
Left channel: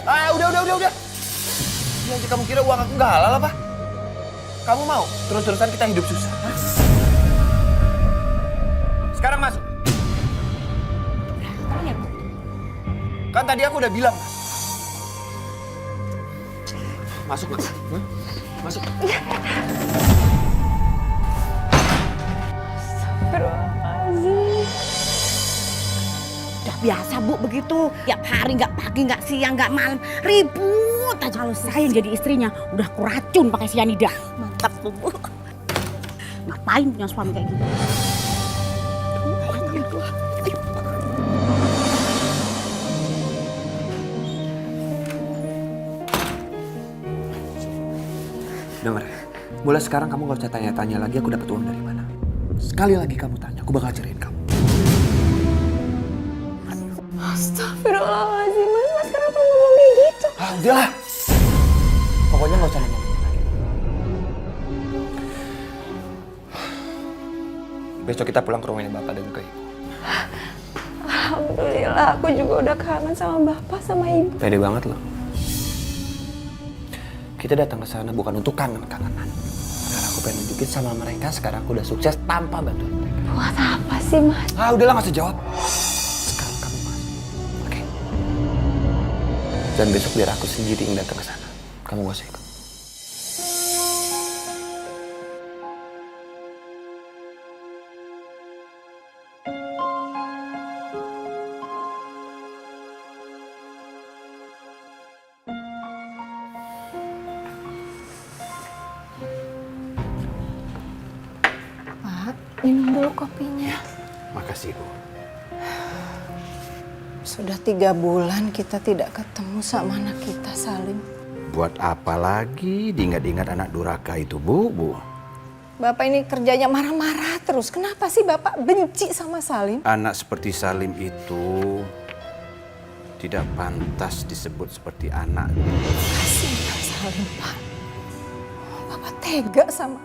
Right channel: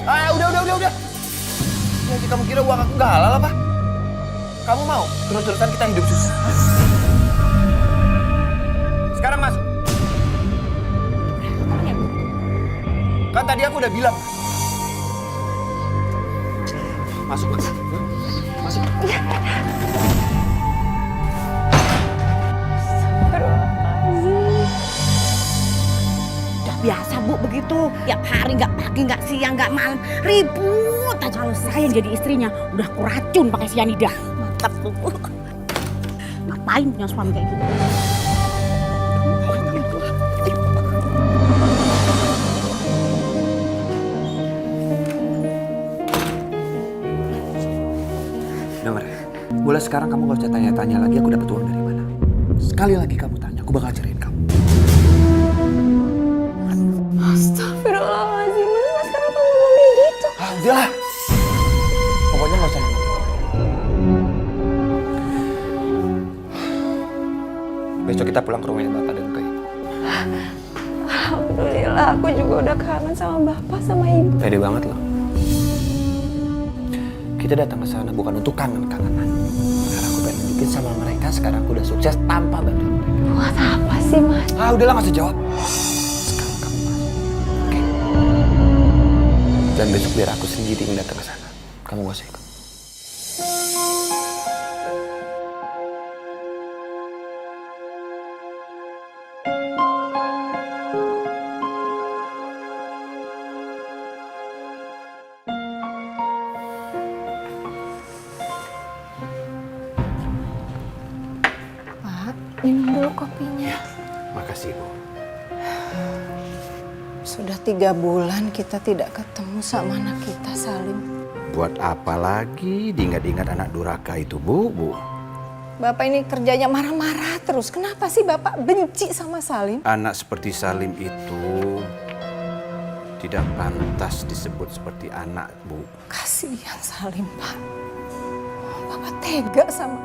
Ah, udah. Ya, aja kamu kira uang aku nggak halal apa? Kamu mau terus-terusan kita hidup susah? Hah? Sekarang masuk. Kan tadi aku udah bilang, Mas. Masuk, Mas. Hah? Masuk. Udah biasa Bu begitu. Tiap hari nggak pagi, nggak siang, nggak malam. Ribut aja. Kalau saya yang jadi istrinya udah kuracun pakai sianida. Mantap tuh Bu. Ngapain punya suami kayak gitu? Dengar ya, boleh sekarang kamu gak usah tanya-tanya lagi aku dapat uang dari mana. Sekali lagi kamu tanya, aku bakal ceriin kamu. Astagfirullahaladzim, Mas kenapa ngomong kayak gitu? Ah, udahlah. Pokoknya gak usah nanya lagi. Besok kita pulang ke rumahnya Bapak dan ke Ibu. Alhamdulillah, aku juga udah kangen sama Bapak sama Ibu. Pede banget loh. Kita datang ke sana bukan untuk kangen-kangenan. Karena aku pengen nunjukin sama mereka sekarang aku udah sukses tanpa bantuan mereka. Buat apa sih, Mas? Ah, udahlah gak usah jawab. Sekarang kamu masuk. Oke? Dan besok biar aku sendiri yang datang ke sana. Kamu gak usah ikut. Minum dulu kopinya. Makasih, Bu. Sudah 3 bulan kita tidak ketemu sama anak kita, Salim. Buat apa lagi diingat-ingat anak durhaka itu, Bu? Bapak ini kerjanya marah-marah terus. Kenapa sih Bapak benci sama Salim? Anak seperti Salim itu tidak pantas disebut seperti anak. Kasihan Salim, Pak. Bapak tega sama.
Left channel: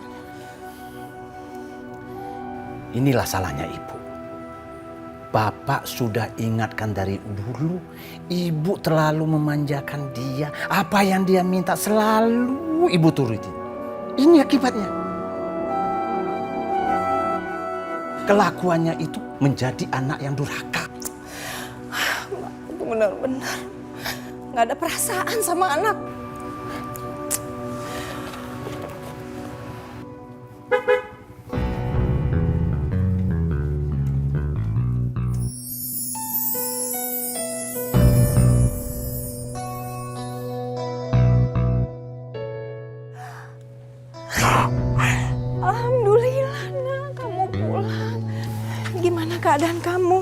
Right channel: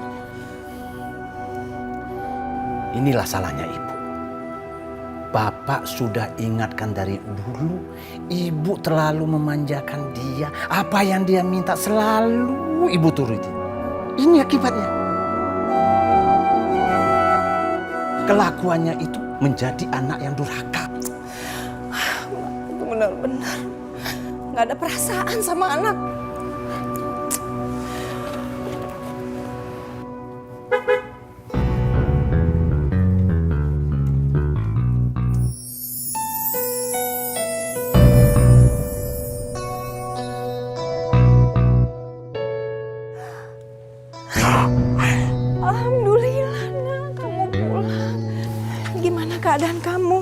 Inilah salahnya Ibu. Bapak sudah ingatkan dari dulu. Ibu terlalu memanjakan dia. Apa yang dia minta selalu Ibu turuti. Ini akibatnya. Kelakuannya itu menjadi anak yang durhaka. Itu benar-benar nggak ada perasaan sama anak. Alhamdulillah, Nak, kamu pulang. Gimana keadaan kamu?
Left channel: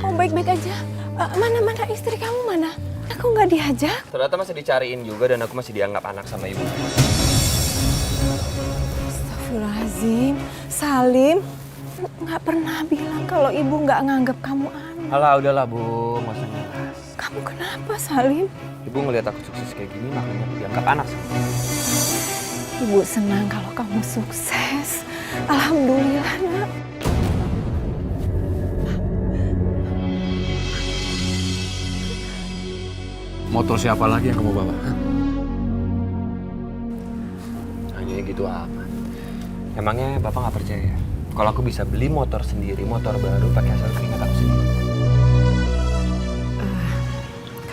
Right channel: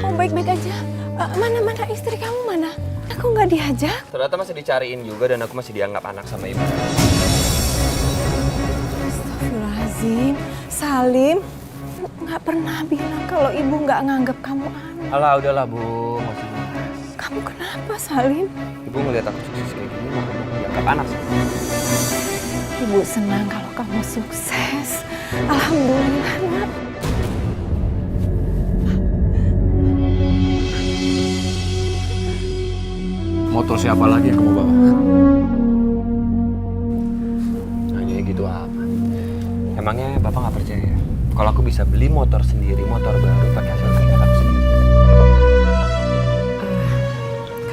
Kamu baik-baik aja? Mana istri kamu mana? Aku nggak diajak. Ternyata masih dicariin juga dan aku masih dianggap anak sama ibu. Astagfirullahaladzim, Salim nggak pernah bilang kalau ibu nggak nganggap kamu anak. Alah, udahlah Bu, nggak usah ngebahas. Kamu kenapa, Salim? Ibu ngeliat aku sukses kayak gini, makanya aku dianggap anak sama. Ibu senang kalau kamu sukses. Alhamdulillah, Nak. Motor siapa lagi yang kamu bawa? Hanya gitu apa? Emangnya Bapak nggak percaya? Kalau aku bisa beli motor sendiri, motor baru pakai hasil keringat aku sendiri.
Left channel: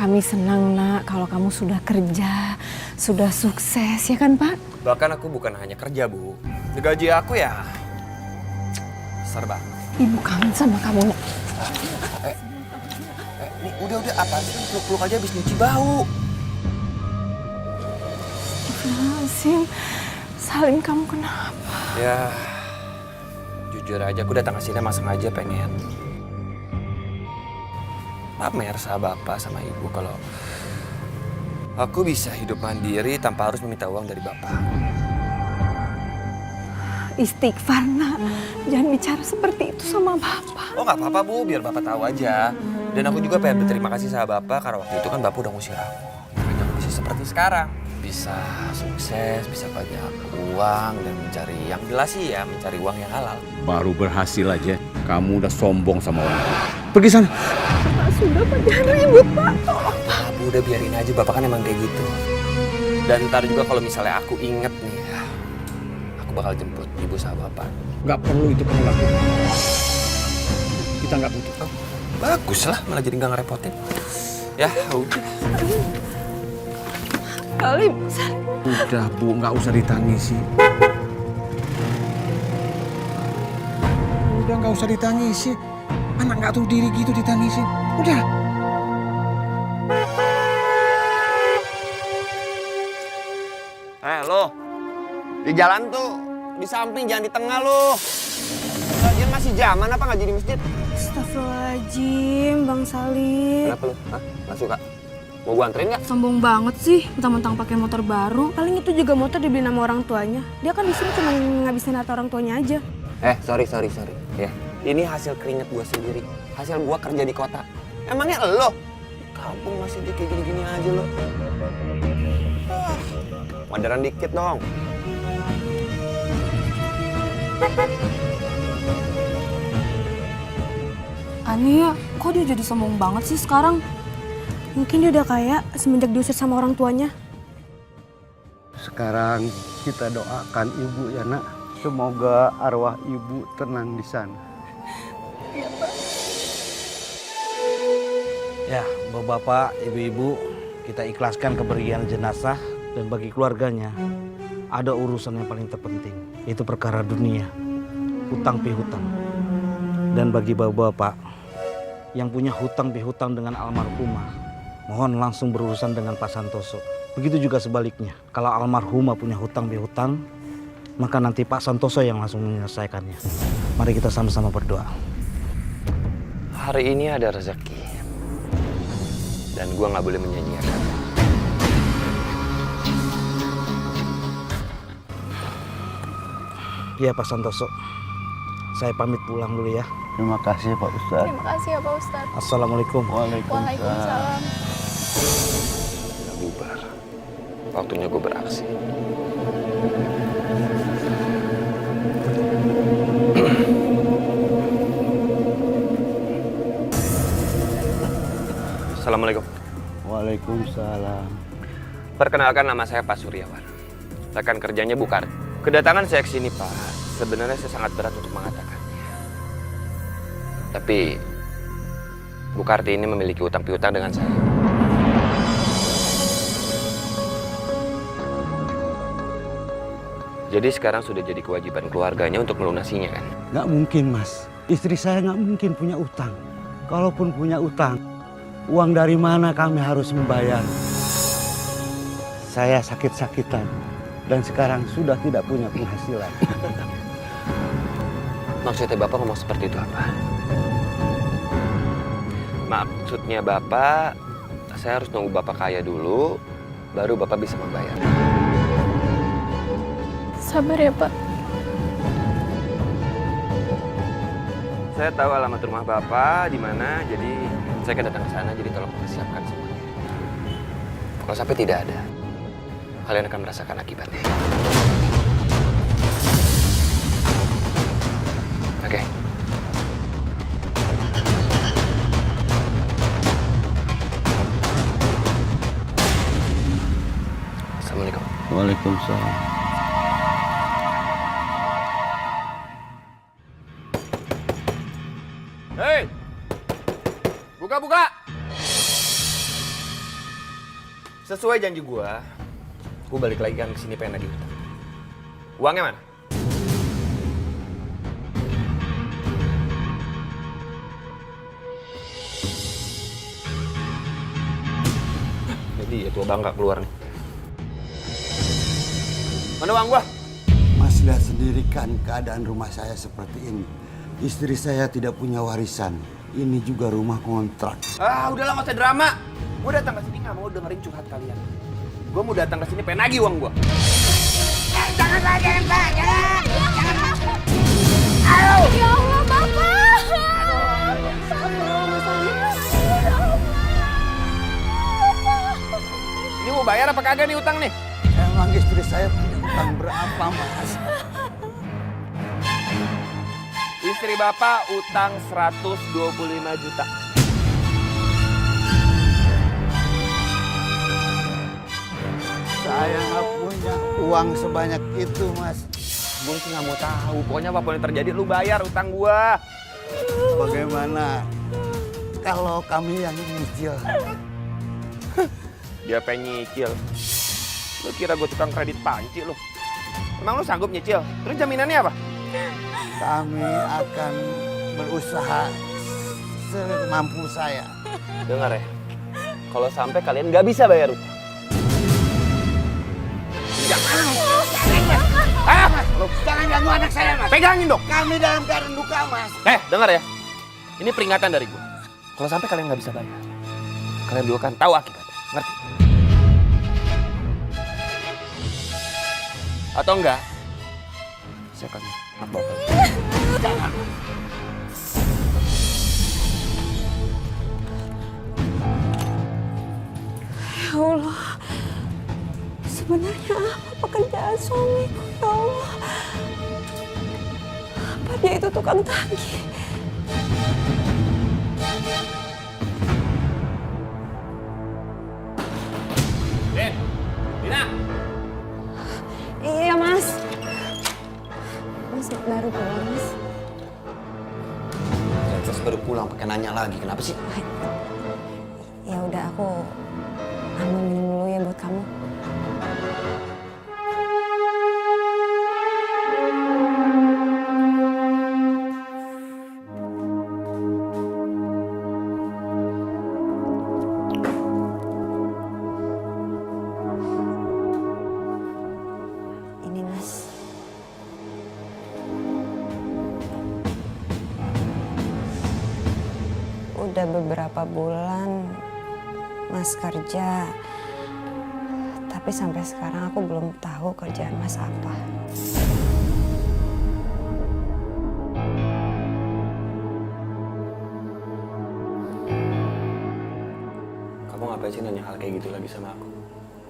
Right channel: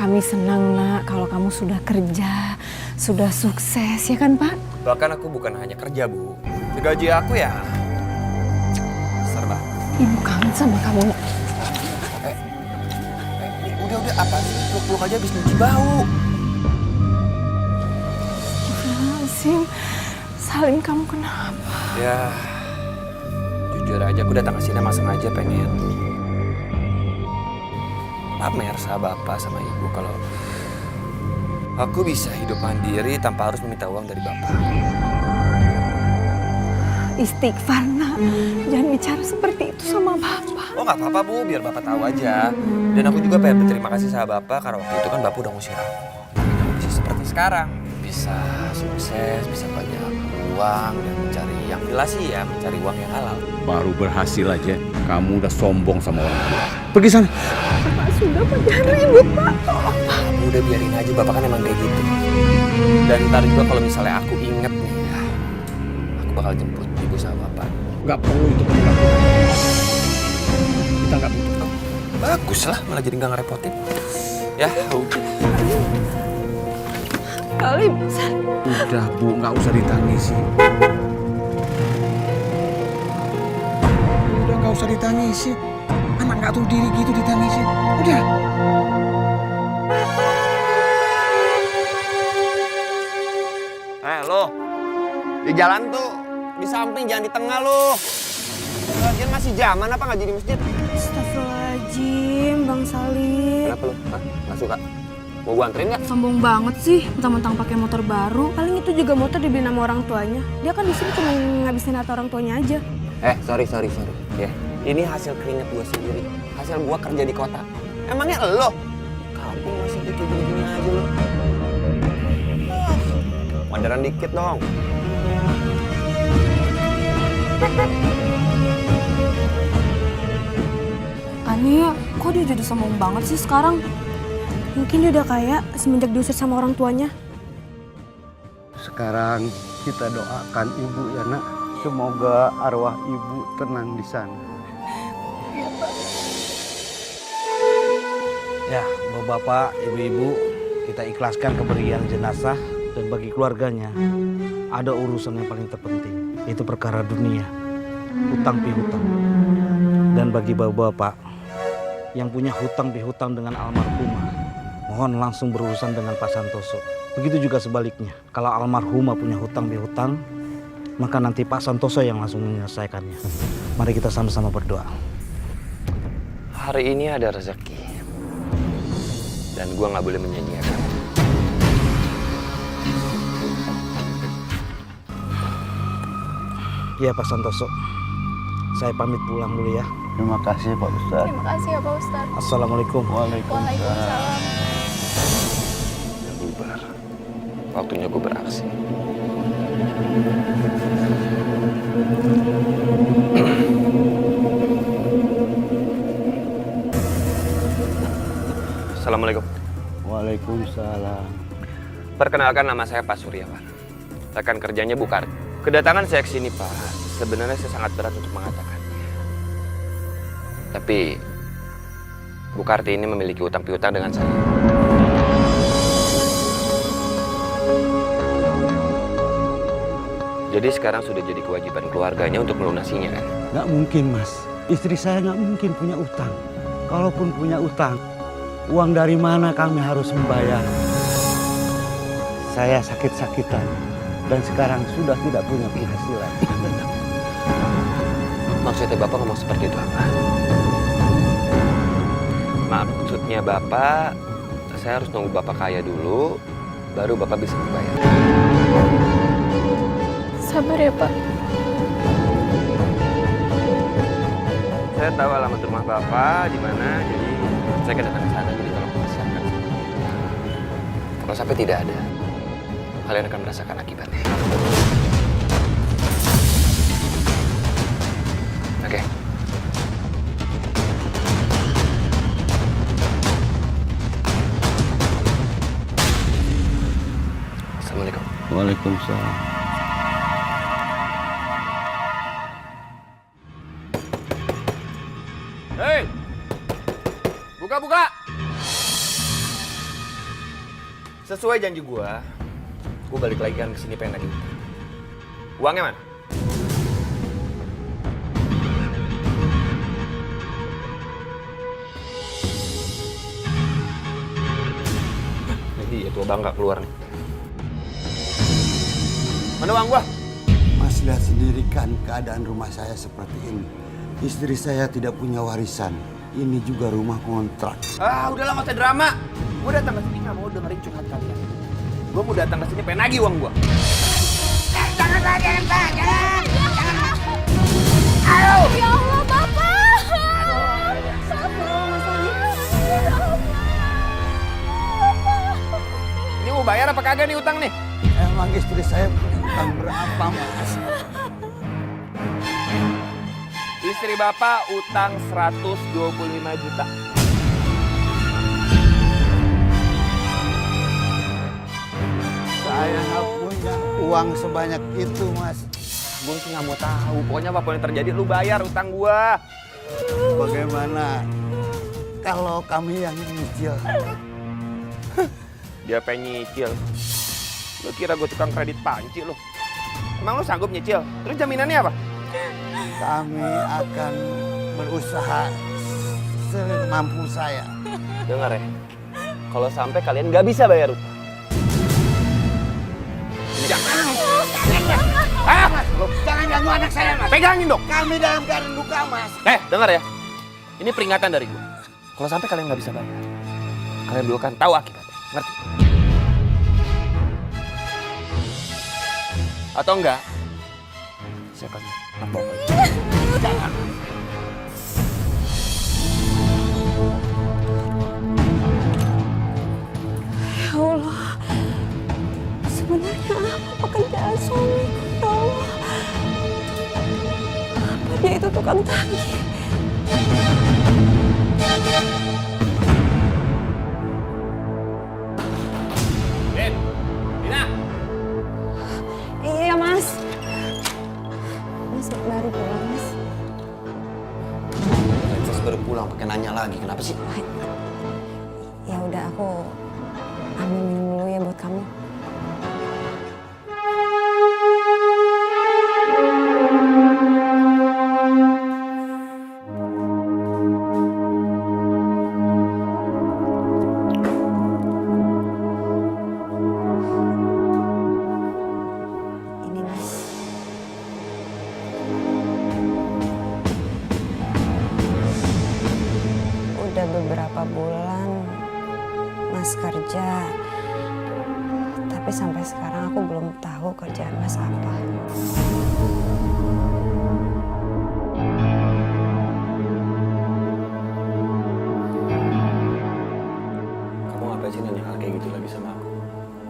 Kami senang, Nak, kalau kamu sudah kerja, sudah sukses, ya kan, Pak? Bahkan aku bukan hanya kerja, Bu. Gaji aku ya serba. Ibu kangen sama kamu, Nak. Ini udah apa sih? Peluk-peluk aja habis nyuci bau. Astagfirullahaladzim. Salim, kamu kenapa? Ya, jujur aja aku datang ke sini emang sengaja pengen pamer sama Bapak sama Ibu kalau aku bisa hidup mandiri tanpa harus meminta uang dari Bapak. Istighfar, Nak. jangan bicara seperti itu sama Bapak. Oh nggak apa-apa Bu, biar Bapak tahu aja. Dan aku juga pengen berterima kasih sama Bapak karena waktu itu kan Bapak udah ngusir aku. Makanya aku bisa seperti sekarang. Bisa sukses, bisa banyak uang dan mencari yang jelas sih ya, mencari uang yang halal. Baru berhasil aja, kamu udah sombong sama orang tua. Pergi sana. Bapak sudah, Pak, jangan ribut, Pak. Bu, udah biarin aja, Bapak kan emang kayak gitu. Dan ntar juga kalau misalnya aku inget nih ya, aku bakal jemput Ibu sama Bapak. Nggak perlu itu kamu lakukan. Kita nggak butuh. Oh, bagus lah, malah jadi nggak ngerepotin. Ya, udah. Salim. Udah Bu, nggak usah ditangisi. Udah nggak usah ditangisi. Anak nggak tahu diri gitu ditangisin. Udah. Lo, di jalan tuh, di samping jangan di tengah lo. Lagian masih zaman apa nggak jadi masjid? Astagfirullahaladzim, Bang Salim. Kenapa lo? Hah? Nggak suka? Mau gua anterin nggak? Sombong banget sih, mentang-mentang pakai motor baru. Paling itu juga motor dibeli sama orang tuanya. Dia kan di sini cuma ngabisin harta orang tuanya aja. Sorry. Ya, ini hasil keringat gua sendiri. Hasil gua kerja di kota. Emangnya lo? Kampung masih kayak gini-gini aja lo. Modern dikit dong. Aneh ya, kok dia jadi sombong banget sih sekarang? Mungkin dia udah kaya semenjak diusir sama orang tuanya. Sekarang kita doakan ibu ya nak. Semoga arwah ibu tenang di sana. Ya, bapak-bapak, ibu-ibu, kita ikhlaskan kepergian jenazah. Dan bagi keluarganya, ada urusan yang paling terpenting, yaitu perkara dunia, hutang pihutang. Dan bagi bapak-bapak yang punya hutang pihutang dengan almarhumah, mohon langsung berurusan dengan Pak Santoso. Begitu juga sebaliknya, kalau almarhumah punya hutang pihutang, maka nanti Pak Santoso yang langsung menyelesaikannya. Mari kita sama-sama berdoa. Hari ini ada rezeki. Dan gua nggak boleh menyanyiakan. Ya Pak Santoso, saya pamit pulang dulu ya. Terima kasih Pak Ustadz. Terima kasih ya Pak Ustadz. Assalamualaikum. Waalaikumsalam. Udah bubar. Waktunya gue beraksi. Assalamualaikum. Waalaikumsalam. Perkenalkan, nama saya Pak Suryawan. Rekan kerjanya Bu Karti. Kedatangan saya ke sini, Pak, sebenarnya saya sangat berat untuk mengatakannya. Tapi Bu Karti ini memiliki utang piutang dengan saya. Jadi sekarang sudah jadi kewajiban keluarganya untuk melunasinya, kan? Nggak mungkin Mas, istri saya nggak mungkin punya utang. Kalaupun punya utang, uang dari mana kami harus membayar? Saya sakit-sakitan dan sekarang sudah tidak punya penghasilan. Maksudnya Bapak ngomong seperti itu apa? Maksudnya Bapak, saya harus nunggu Bapak kaya dulu, baru Bapak bisa membayar. Sabar ya Pak. Saya tahu alamat rumah Bapak di mana, jadi saya akan datang ke sana, jadi tolong persiapkan semuanya. Kalau sampai tidak ada, kalian akan merasakan akibatnya. Oke. Assalamualaikum. Waalaikumsalam. Hei! Buka! Sesuai janji gue balik lagi kan ke sini pengen nagih utang. Uangnya mana? Ini dia tua bangga keluar nih. Mana uang gua? Mas lihat sendiri kan keadaan rumah saya seperti ini. Istri saya tidak punya warisan. Ini juga rumah kontrak. Udahlah nggak usah drama. Gue datang ke sini nggak mau dengerin curhat kalian. Gue mau datang ke sini pengen nagih uang gue. Jangan Pak, jangan. Ya Allah, Bapak! Ini mau bayar apa kagak nih utang nih? Emang istri saya punya utang berapa, Mas? Istri Bapak utang 125 juta. Saya nggak punya uang sebanyak itu, Mas. Gue sih nggak mau tahu. Pokoknya apapun yang terjadi, lu bayar utang gua. Bagaimana kalau kami yang nyicil? Dia pengen nyicil. Lu kira gue tukang kredit panci lu? Emang lu sanggup nyicil? Terus jaminannya apa? Kami akan berusaha semampu saya. Dengar ya, kalau sampai kalian nggak bisa bayar utang. Jangan, Mas. Jangan ganggu anak saya, Mas. Pegangin dong. Kami dalam keadaan luka, Mas. Dengar ya, ini peringatan dari gue. Kalau sampai kalian nggak bisa bayar, kalian dulu kan tahu akibatnya, ngerti? Atau enggak? Saya akan nabok aja. Jangan. Ya Allah, sebenarnya apa pekerjaan suamiku, ya Allah? Apa dia itu tukang tagih? Ben, Dina. Iya, Mas. Mas baru pulang, Mas. Princess baru pulang pakai nanya lagi, kenapa sih? Ya udah, aku ambil minum dulu ya buat kamu. Ini, Mas. Udah beberapa bulan Mas kerja, tapi sampai sekarang aku belum tahu kerjaan Mas apa. Kamu ngapain sih nanya hal kayak gitu lagi sama aku?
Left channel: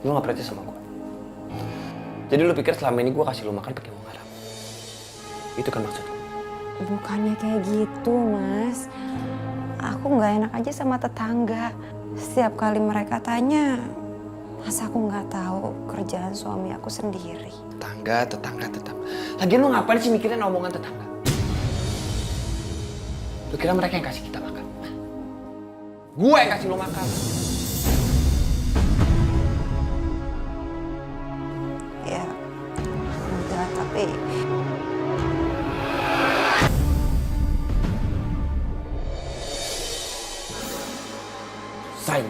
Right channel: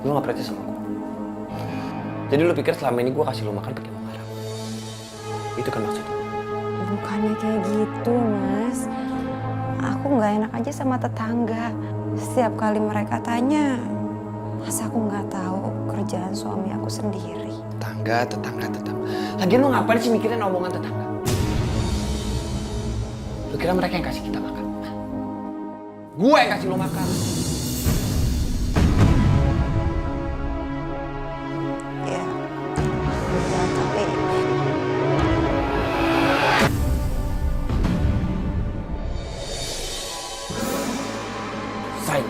Lu nggak percaya sama aku? Jadi lu pikir selama ini gue kasih lu makan pakai uang haram? Itu kan maksud lu? Bukannya kayak gitu, Mas. Aku nggak enak aja sama tetangga. Setiap kali mereka tanya, masa aku nggak tahu kerjaan suami aku sendiri. Tetangga. Lagian lu ngapain sih mikirin omongan tetangga? Lu kira mereka yang kasih kita makan? Gue yang kasih lu makan. Ya, udah, tapi Sain.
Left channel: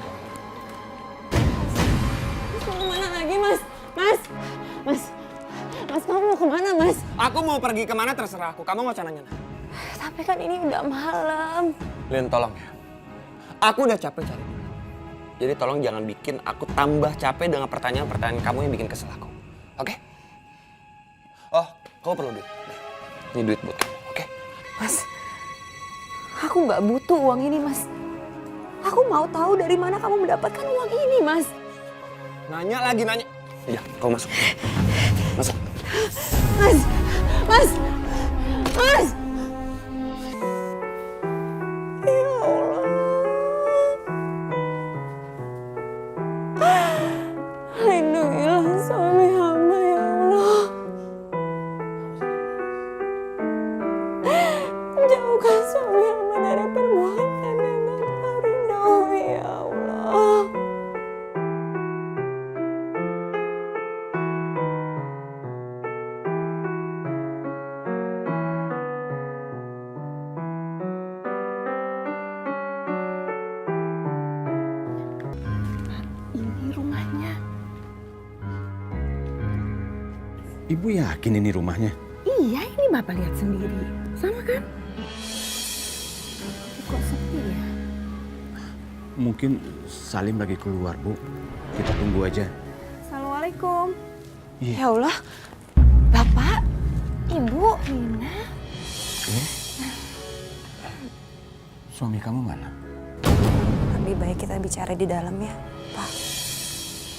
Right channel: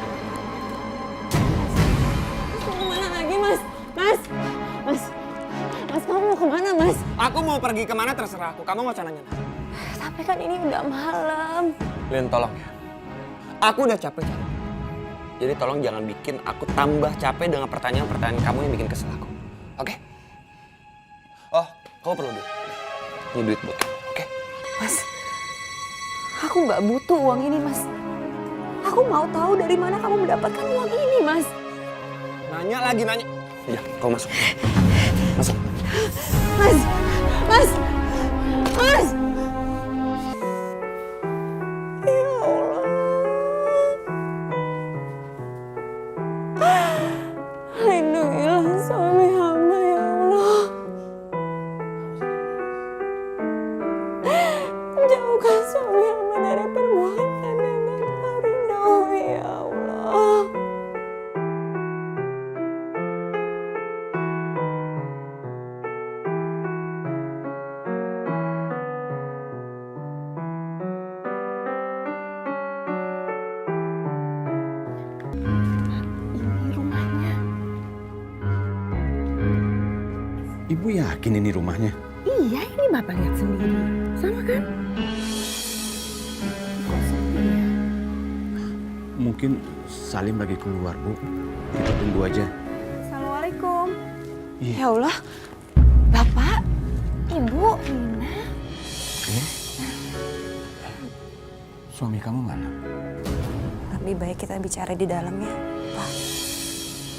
Mas mau kemana lagi, Mas? Mas, kamu mau kemana, Mas? Aku mau pergi kemana terserah aku. Kamu nggak usah nanya. Tapi kan ini udah malam. Lin, tolong ya. Aku udah capek cari. Jadi tolong jangan bikin aku tambah capek dengan pertanyaan-pertanyaan kamu yang bikin kesel aku. Oke? Oh, kamu perlu duit. Ini duit buat kamu, oke? Mas, aku nggak butuh uang ini, Mas. Aku mau tahu dari mana kamu mendapatkan uang ini, Mas. Nanya lagi, nanya. Iya, kau masuk. Masuk. Mas! Ya Allah. Lindungilah suami hamba, ya Allah. Jauhkan suami hamba dari perbuatan yang engkau ridhoi, ya Allah. Ini rumahnya. Ibu yakin ini rumahnya? Iya, ini Bapak lihat sendiri. Sama kan? Kok sepi ya? Mungkin Salim lagi keluar, Bu. Kita tunggu aja. Assalamualaikum. Iya. Ya Allah, Bapak, Ibu, Nina. Suami kamu mana? Lebih baik kita bicara di dalam ya, Pak.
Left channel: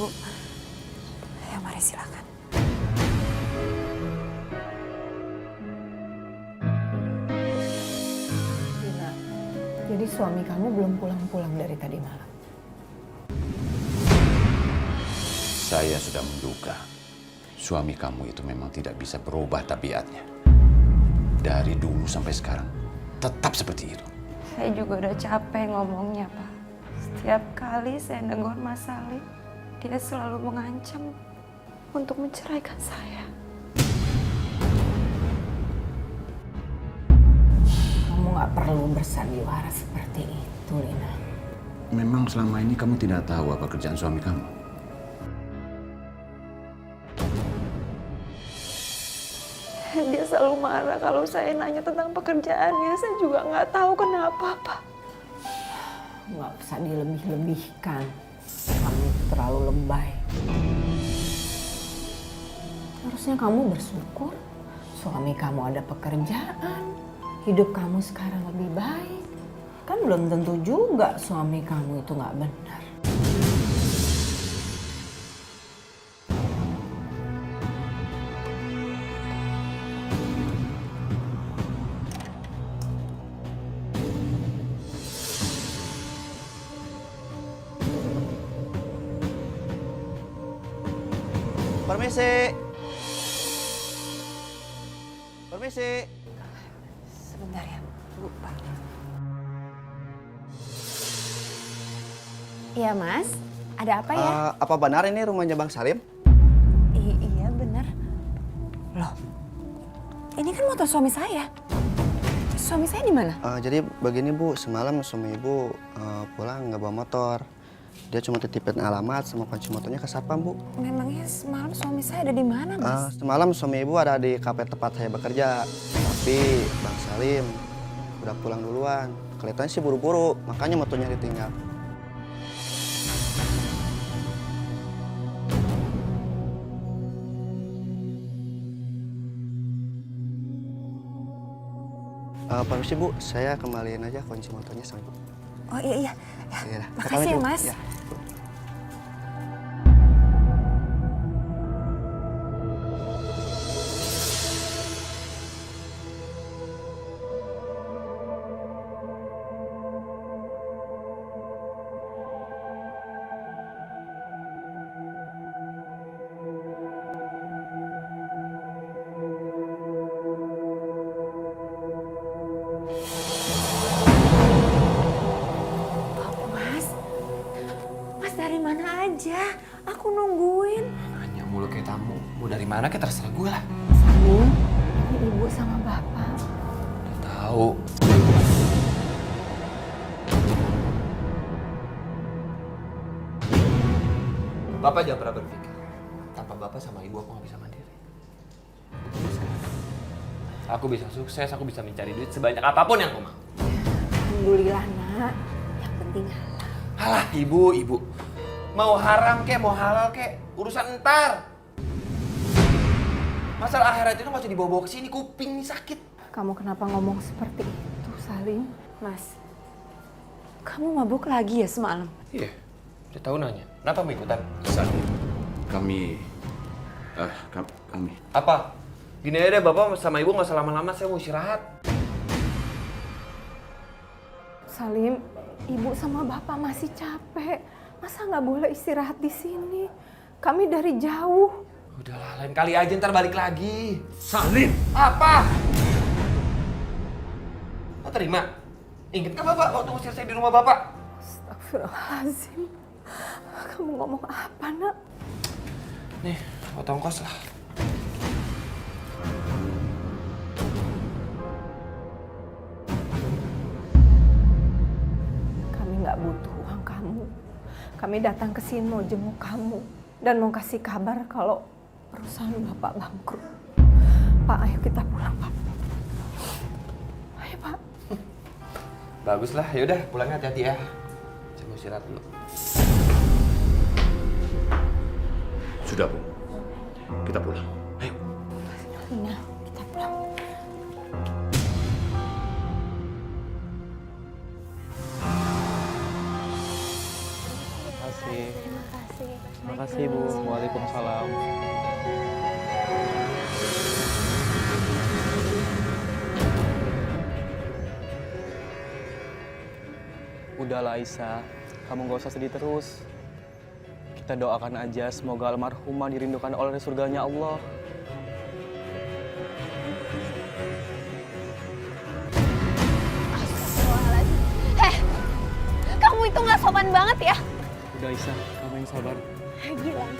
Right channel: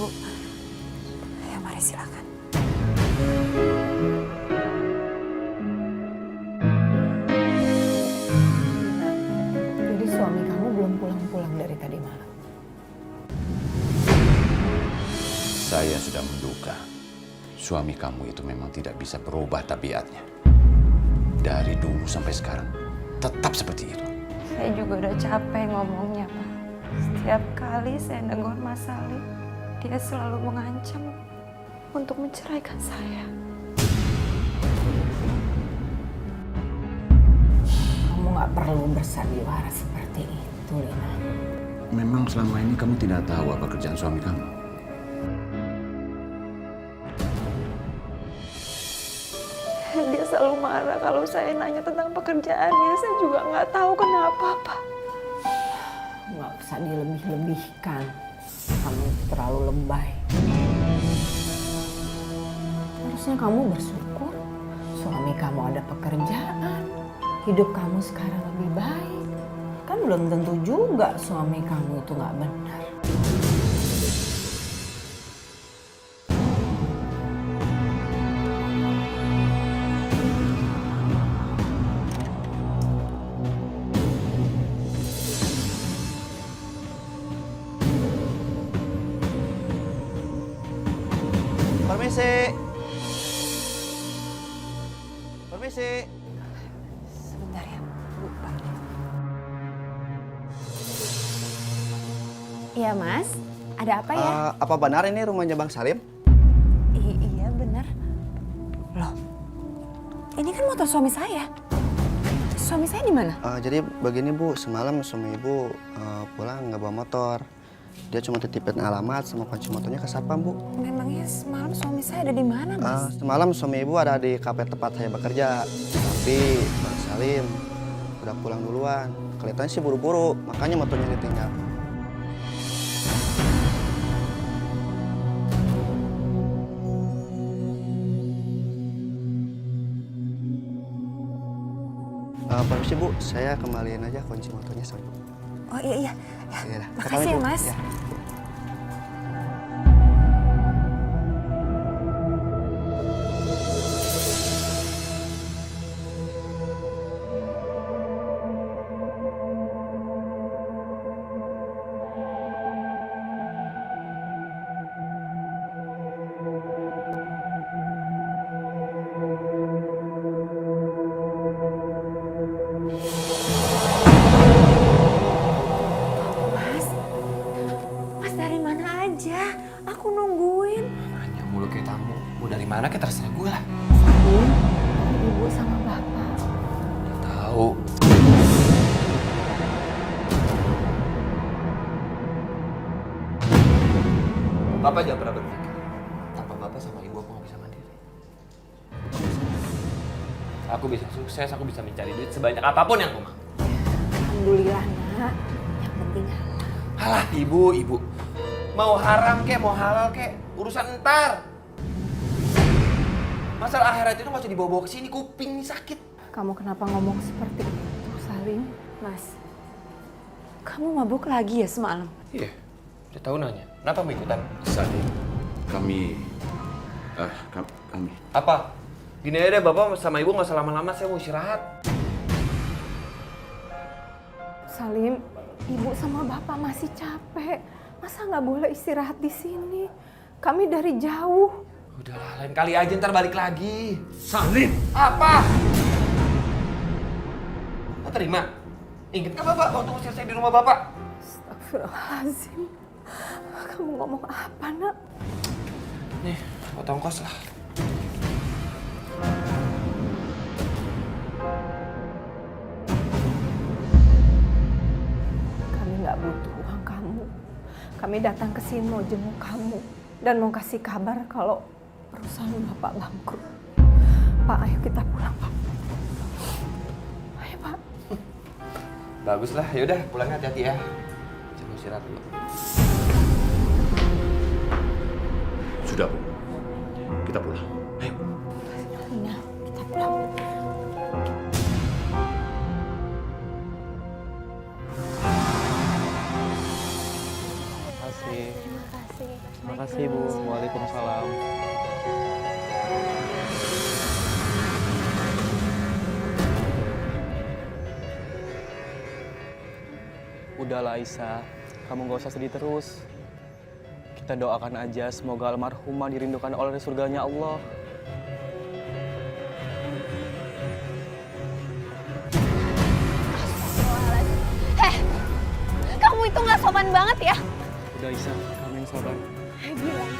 Bu, ya mari silakan. Dina, jadi suami kamu belum pulang-pulang dari tadi malam? Saya sudah menduga suami kamu itu memang tidak bisa berubah tabiatnya. Dari dulu sampai sekarang tetap seperti itu. Saya juga udah capek ngomongnya, Pak. Setiap kali saya negur Mas Salim, dia selalu mengancam untuk menceraikan saya. Kamu nggak perlu bersandiwara seperti itu, Lina. Memang selama ini kamu tidak tahu apa kerjaan suami kamu? Dia selalu marah kalau saya nanya tentang pekerjaannya. Saya juga nggak tahu kenapa, Pak. Nggak usah dilebih-lebihkan. Kamu itu terlalu lebay. Harusnya kamu bersyukur suami kamu ada pekerjaan. Hidup kamu sekarang lebih baik. Kan belum tentu juga suami kamu itu nggak benar. Permisi. Permisi. Sebentar ya, Bu, Pak. Iya, Mas. Ada apa ya? Apa benar ini rumahnya Bang Salim? Iya, benar. Loh, ini kan motor suami saya. Suami saya di mana? Jadi begini Bu, semalam suami Ibu pulang nggak bawa motor. Dia cuma titipin alamat sama kunci motornya ke satpam, Bu. Memangnya semalam suami saya ada di mana, Mas? Semalam suami Ibu ada di kafe tempat saya bekerja. Tapi Bang Salim udah pulang duluan. Kelihatannya sih buru-buru, makanya motornya ditinggal. Permisi Bu, saya kembaliin aja kunci motornya sama Ibu. Oh iya. Iya, Makasih ya, Mas. Ya. Mas dari mana aja? Aku nungguin. Nanya mulu kayak tamu. Mau dari mana kayak terserah gue lah. Salim, ini Ibu sama Bapak. Udah tahu. Bapak jangan pernah berpikir. Tanpa Bapak sama Ibu aku gak bisa mandiri. Aku bisa sukses, aku bisa mencari duit sebanyak apapun yang aku mau. Alhamdulillah, Nak. Yang penting halal. Halah, Ibu. Mau haram kek, mau halal kek, urusan entar. Masalah akhirat itu gak usah dibawa-bawa ke sini, kuping nih sakit. Kamu kenapa ngomong seperti itu, Salim? Mas, kamu mabuk lagi ya semalam? Iya, udah tahu nanya. Kenapa mau ikutan? Salim, kami... Apa? Gini aja deh, Bapak sama Ibu gak usah lama-lama, saya mau istirahat. Salim, Ibu sama Bapak masih capek. Masa nggak boleh istirahat di sini? Kami dari jauh. Udahlah, lain kali aja ntar balik lagi. Salim! Apa? Oh, terima? Ingat kan Bapak waktu usir saya di rumah Bapak? Astagfirullahaladzim. Kamu ngomong apa, Nak? Nih, potong kos lah. Kami nggak butuh uang kamu. Kami datang ke sini mau jenguk kamu dan mau kasih kabar kalau perusahaan Bapak bangkrut. Pak, ayo kita pulang, Pak. Ayo, Pak. Bagus lah, yaudah pulangnya hati-hati ya. Saya mau istirahat dulu. Sudah, Bu. Kita pulang. Ayo. Lina, kita pulang. Terima kasih Bu. Waalaikumsalam. Udahlah Aisyah, kamu gak usah sedih terus. Kita doakan aja semoga almarhumah dirindukan oleh surganya Allah. Astagfirullahaladzim. Kamu itu gak sopan banget ya. Udah Aisyah, kamu yang sabar. Gilang,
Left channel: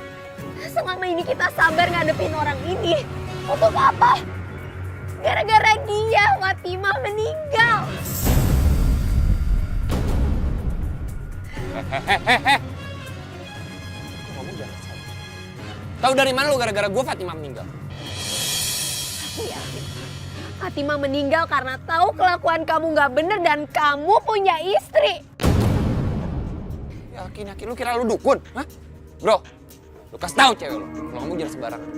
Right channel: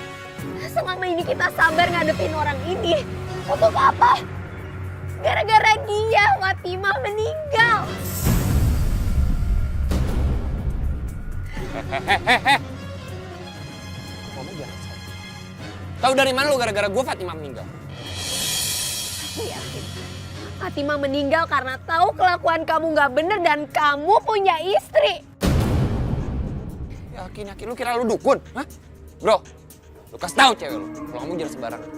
selama ini kita sabar ngadepin orang ini. Untuk apa? Gara-gara dia, Fatimah meninggal. Kamu jangan salah. Tahu dari mana lu gara-gara gue Fatimah meninggal? Aku yakin Fatimah meninggal karena tahu kelakuan kamu gak bener dan kamu punya istri. Yakin lu kira lu dukun? Hah? Bro, lu kasih tahu cewek lu kalau kamu jangan sembarangan.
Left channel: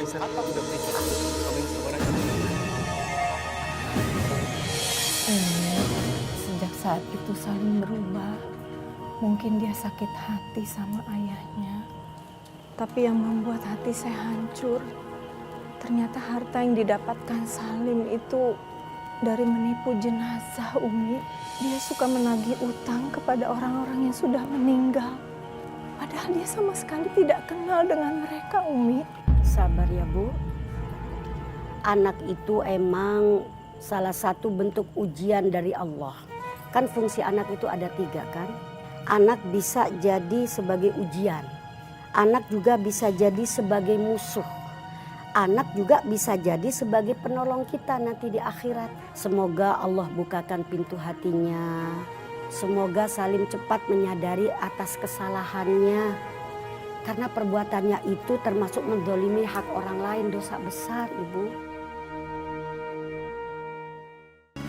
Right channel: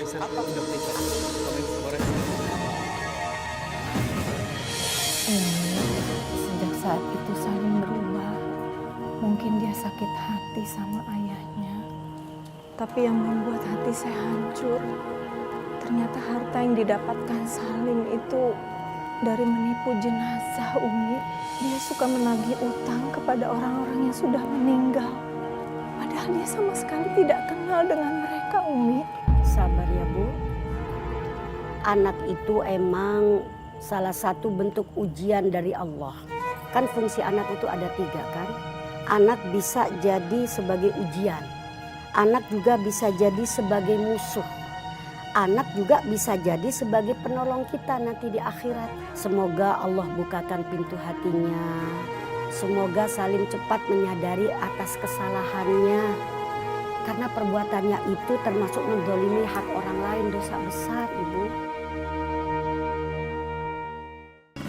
Aisyah, udah Aisyah. Kamu yang sabar aja. Sejak saat itu Salim berubah. Mungkin dia sakit hati sama ayahnya. Tapi yang membuat hati saya hancur, ternyata harta yang didapatkan Salim itu dari menipu jenazah, Umi. Dia suka menagih utang kepada orang-orang yang sudah meninggal. Padahal dia sama sekali tidak kenal dengan mereka, Umi. Sabar ya Bu. Anak itu emang salah satu bentuk ujian dari Allah. Kan fungsi anak itu ada 3 kan. Anak bisa jadi sebagai ujian. Anak juga bisa jadi sebagai musuh. Anak juga bisa jadi sebagai penolong kita nanti di akhirat. Semoga Allah bukakan pintu hatinya. Semoga Salim cepat menyadari atas kesalahannya. Karena perbuatannya itu termasuk mendolimi hak orang lain, dosa besar, Ibu.